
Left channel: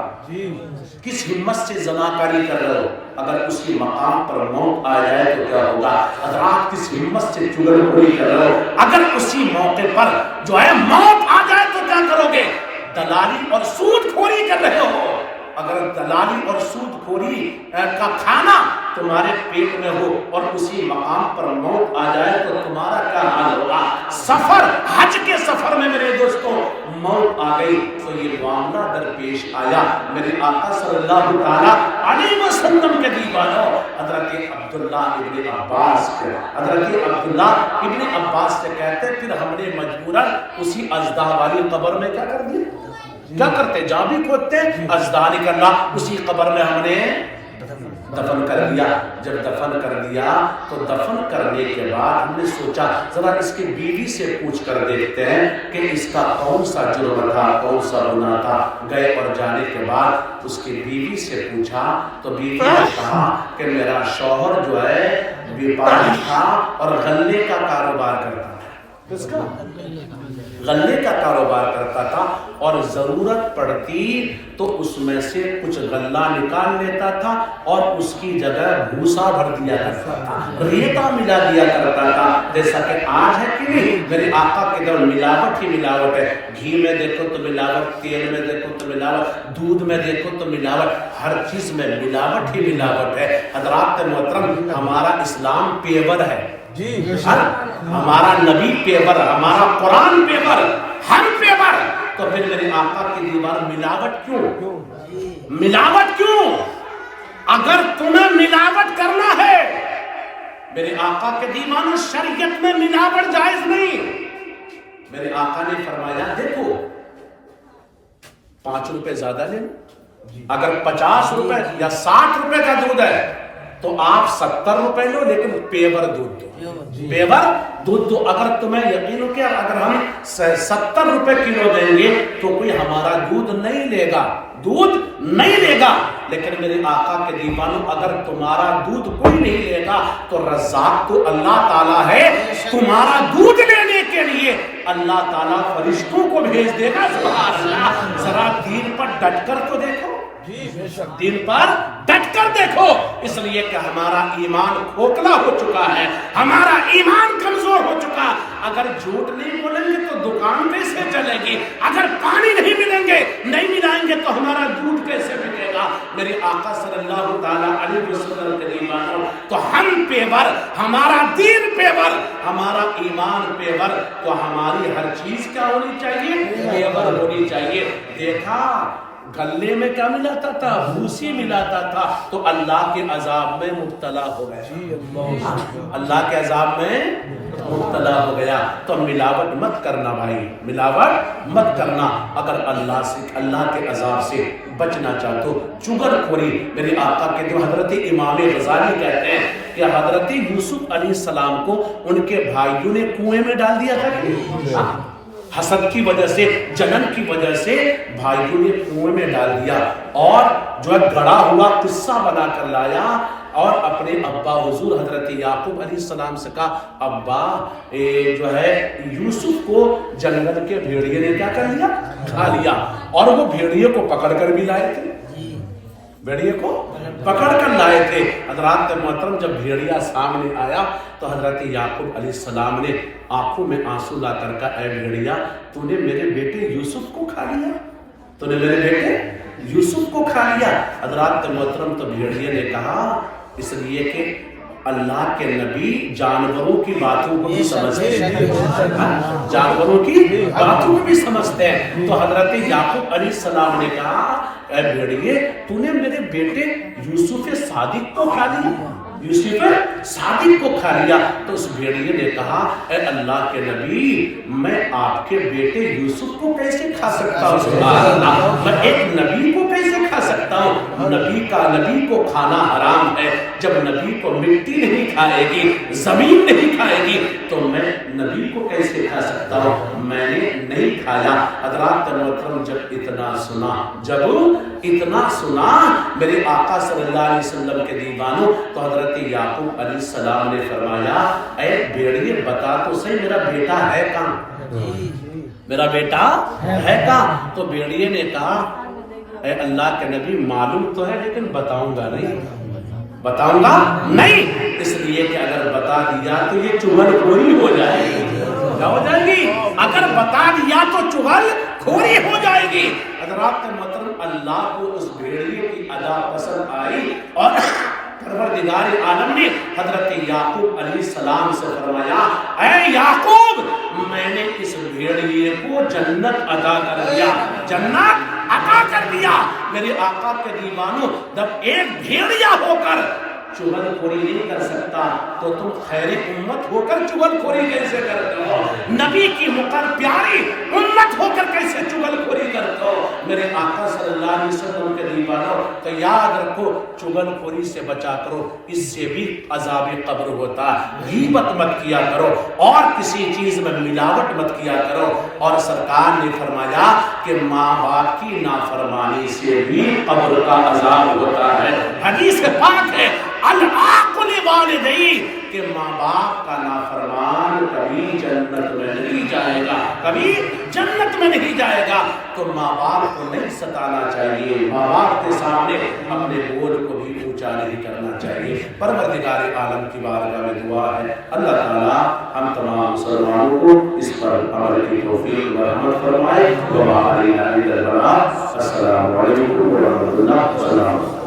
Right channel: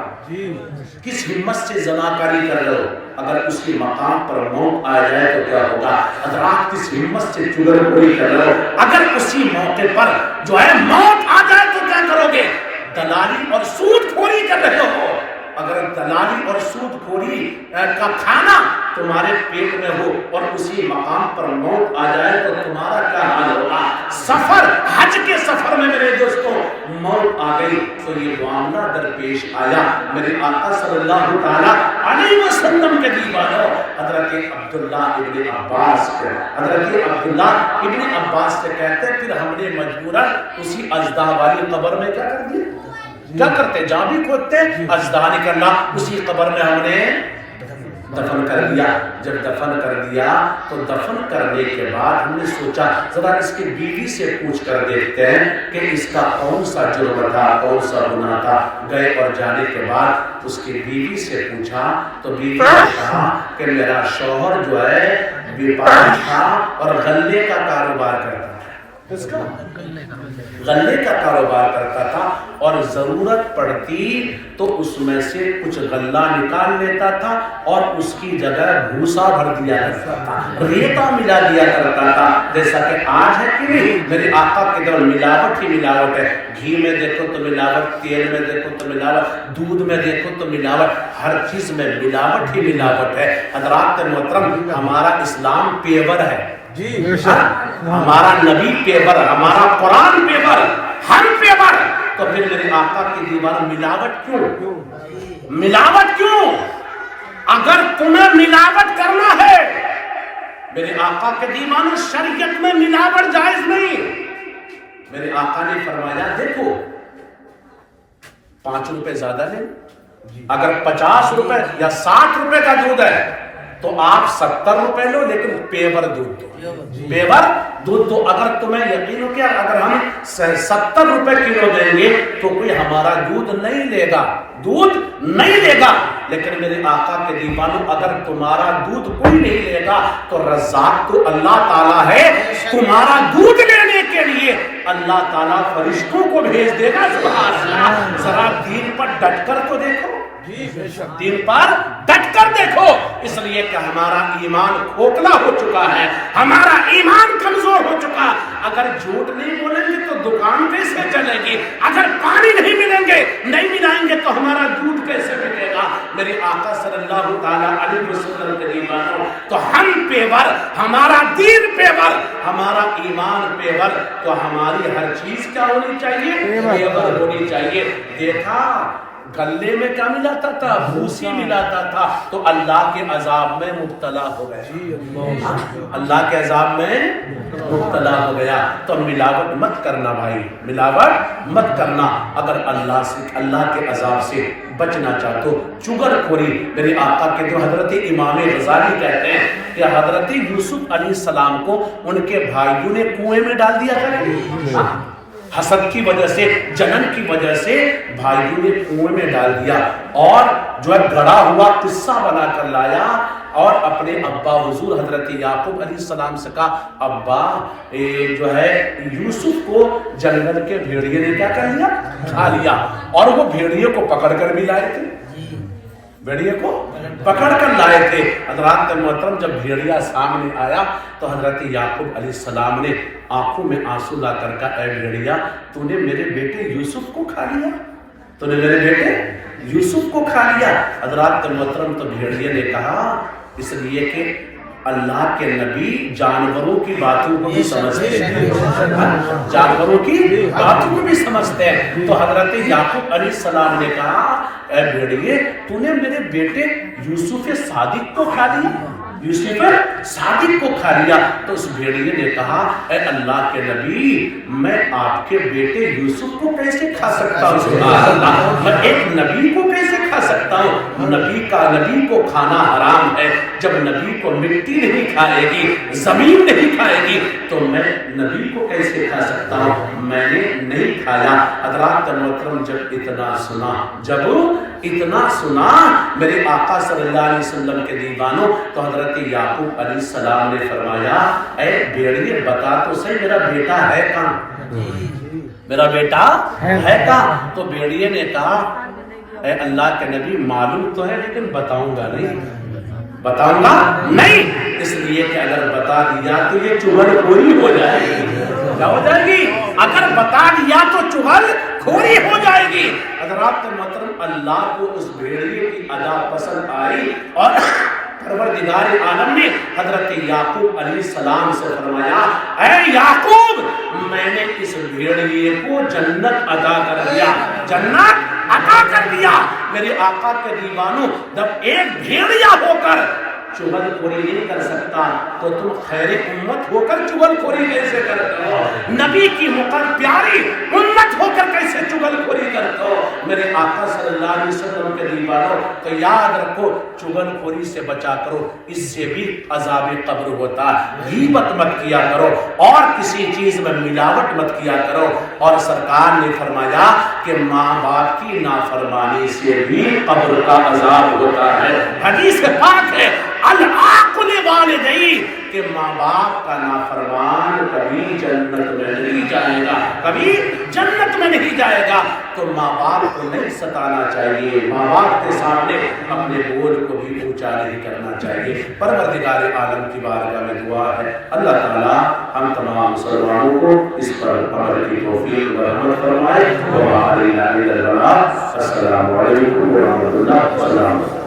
کس ہمت سے زناکاری کر رہے ہو؟ اگر اسی مقام پر موت آ جائے تو کیا ہوگا؟ حضرات کس ہمت سے چغل خوری کر رہے ہو؟ اگر اسی موقع پر جو ہے موت آ جائے تو کیا کرو گے؟ دلالی اور سود خوری کر رہے ہو۔ اگر دلالی اور سود خوری کا کھانا تمہارے پیٹ میں ہو اور اسی مقام پر موت آ جائے تو تمہارا کیا حال ہوگا؟ سفر، حج کے سفر میں میرے دوستوں موت آ گئی تو یہ معاملہ درپیش آیا۔ میرے آقا صلی اللہ تعالیٰ علیہ وسلم کے دیوانوں حضرت عبداللہ ابن عباس سے کہتے پھر ہم نے مجبوراً اسی اژدہا والی قبر میں کیا کر دیا؟ کیا کرتے؟ جہاں بھی کھودتے اژدہا نکلنا، اسی قبر میں ہم نے دفن کر دیا۔ جب دفن کر دیا تو دفن کرنے کے بعد ہم نے سوچا ذرا اس کی بیوی سے پوچھ کر دیکھتے ہیں کہ اس کا کون سا جرم تھا، کون سا گناہ تھا۔ گئے اور جانے کے بعد اس کی بیوی سے پوچھا تو بیوی نے کہا کہ میرا شوہر جو ہے بیپاری تھا اور غلے کا کاروبار کرتا تھا۔ کس کا؟ غلے کا کاروبار کرتا تھا، اور ضرورت پڑتی تو اس میں سے کچھ غلہ نکال لیتا تھا اور اس کی جگہ بھوسا بھر دیا کرتا تھا، ریتا ملا دیا کرتا تھا۔ جیسا کہ آج ہے کہ نہیں، میرے آقا کے دور ملاوٹ ہی ملاوٹ ہے۔ گھی میں دیکھو تو ملاوٹ، تیل میں دیکھو تو ملاوٹ، دودھ میں دیکھو تو ملاوٹ، ہر چیز میں ملاوٹ ہی ملاوٹ ہے۔ حضرات محترم ہمارا اسلام پیور ہے، ہمارا نبی پیور، ہمارا قرآن پیور، ہم پیور، تو پھر میرے آقا کی دیوان ملاوٹ کیوں؟ ملاوٹ کیوں؟ اگر تمہیں ملاوٹ کرنا ہے میرے آقا کے دیوانوں، شریعت میں ملاوٹ جائز نہیں. میرے آقا نے فرمایا دیکھو 5 روپے زیادہ لیں، اگر 50 روپے یا 60 روپے کا دودھ ہے تو آپ 70 روپے لو، لیکن پیور دودھ دو، پیور دودھ دو. اگر تمہیں یقین ہو کہ اگر ہم 70 روپے کلو دیں گے تو کوئی ہمارا دودھ نہیں لے گا، دودھ نہیں لے گا. لیکن میرے آقا کے دیوانوں، اگر تمہارا دودھ کوئی نہیں لے گا تو رزاق تو اللہ تعالیٰ ہے. تمہارا دودھ لینے کے لیے اللہ تعالیٰ فرشتوں کو بھیج دے گا. سبحان اللہ. ذرا دین پر ڈٹ کر تو دیکھو، دین پر ڈٹ کر دیکھو. اس لیے کہ ہمارا ایمان کھوکھلا ہو چکا ہے، ہمارا ایمان کمزور ہو چکا. اگر جھوٹ نہیں بولیں گے تو دکان کیسے چلے گی؟ اگر پانی نہیں ملیں گے، نہیں ملائیں گے تو ہمارا دودھ کیسے ملے گا؟ میرے آقا صلی اللہ تعالیٰ علیہ وسلم کے دیوانوں، تو ہم پیور، ہمارا دین پیور، ہمارا ایمان پیور، تو ہماری ہر چیز کیا ہونی چاہیے؟ پیور ہونی چاہیے. دیکھا گلے میں کیا ملاتا تھا؟ بھوسی ملاتا تھا، تو اللہ کے عذاب میں مبتلا ہو گیا. اللہ کے عذاب میں مبتلا ہو گیا. تو ملاوٹ مت کرنا بھائی، ملاوٹ مت کرنا. اگر اللہ کے عذاب سے بچنا چاہتے ہو. چغل خوری، میرے آقا کے جو حضرت امام غزالی کہتے ہیں کہ حضرت یوسف علیہ السلام کو ان کے بھائیوں نے کنویں میں ڈال دیا تھا. حسد کی وجہ سے، جنن کی وجہ سے بھائیوں نے کنویں میں ڈال دیا، اور جو ہے گڑا ہوا قصہ بنا کر لایا اور اپنے ابا حضور حضرت یعقوب علیہ السلام سے کہا ابا جو ہے یوسف کو جنگل کے بھیڑیے نے کیا کر لیا؟ کھا لیا. اور وہ بھیڑیے کو پکڑ کر بھی لائے تھے، بھیڑیے کو پکڑ کر لائے تھے. حضرات محترم، جب بھیڑیا سامنے آیا تو حضرت یعقوب علیہ السلام نے آنکھوں میں آنسو لا کر کہا اے بھیڑیا، تو نے میرے بیٹے یوسف کو کھا لیا، تو نے میرے بیٹے یوسف کو کھا لیا. حضرات محترم، تو بھیڑیا نے کہا اس لیے کہ اللہ کے نبی جانوروں کی باتوں کو بھی سمجھتے ہیں، جانوروں کی باتوں کو بھی سمجھتے ہیں. تو حضرت یعقوب علیہ السلام نے کہا اے بھیڑیے، تو نے میرے بیٹے یوسف صادق کو کھا لیا، یوسف صادق کو کھا لیا. تو اس بھیڑیے نے کہا اے اللہ کے نبی، میں آپ کے بیٹے یوسف کو کیسے کھا سکتا ہوں؟ سبحان اللہ، میں ایک نبی کو کیسے کھا سکتا ہوں؟ نبی کو کھانا حرام ہے. جب نبی کو مٹی نہیں کھائے گی، زمین نہیں کھائے گی، تو میں نبی کو کیسے کھا سکتا ہوں؟ میں نے نہیں کھایا. حضرات محترم، جب اتنا سنا میرے آقا صلی اللہ علیہ وسلم کے دیوانوں، تو حضرت یعقوب علیہ السلام نے فرمایا اے بھیڑیے بتا تو صحیح میرا بیٹا ہے کہاں، میرا بیٹا ہے کہاں؟ تو بھیڑیے نے کہا اے اللہ کے نبی معلوم تو ہے لیکن بتاؤں گا نہیں، بتاؤں گا نہیں، اس لیے کہ اگر بتا دیا تو یہ چغل خوری ہو جائے گی. کیا ہو جائے گی؟ اگر بتا دیا تو چغل خوری ہو جائے گی. حضرات محترم، اللہ کو اس بھیڑیے کی ادا پسند آئی اور پروردگار عالم نے حضرت یعقوب علیہ السلام سے فرمایا اے یعقوب، میں نے اس بھیڑیے کو جنت عطا کر دیا، جنت عطا کر دیا. میرے آقا کے دیوانوں، جب ایک بھیڑیا ہو کر چغل خوری نہیں کر سکتا تو تم خیر امت ہو کر چغل خوری کیسے کرتے ہو؟ نبی کی پیاری امت ہو کر کیسے چغل خوری کرتے ہو؟ میرے آقا صلی اللہ علیہ وسلم کے دیوانوں، تو یاد رکھو چغل خوری سے بچا کرو، اس سے بھی عذاب قبر ہوتا. غیبت مت کیا کرو اور کسی چیز میں ملاوٹ مت کیا کرو. اور سرکار نے فرمایا کہ ماں باپ کی نافرمانی سے بھی قبر کا عذاب ہوتا ہے. حدیث پاک ہے العاقل والدی، کہ ماں باپ کا نافرمان کبھی جنت میں نہیں جائے گا، کبھی جنت میں نہیں جائے گا. تو ماں باپ کو نہیں ستانا چاہیے، ماں باپ کے سامنے اپنے بول کو بھی اونچا نہیں کرنا چاہیے. پروردگار عالم کی بارگاہ میں دعا ہے اللہ تعالیٰ ہم تمام مسلمانوں کو اس پر عمل کی توفیق و رحمت فرمائے. وما علینا الا البلاغ. السلام علیکم ورحمۃ اللہ وبرکاتہ.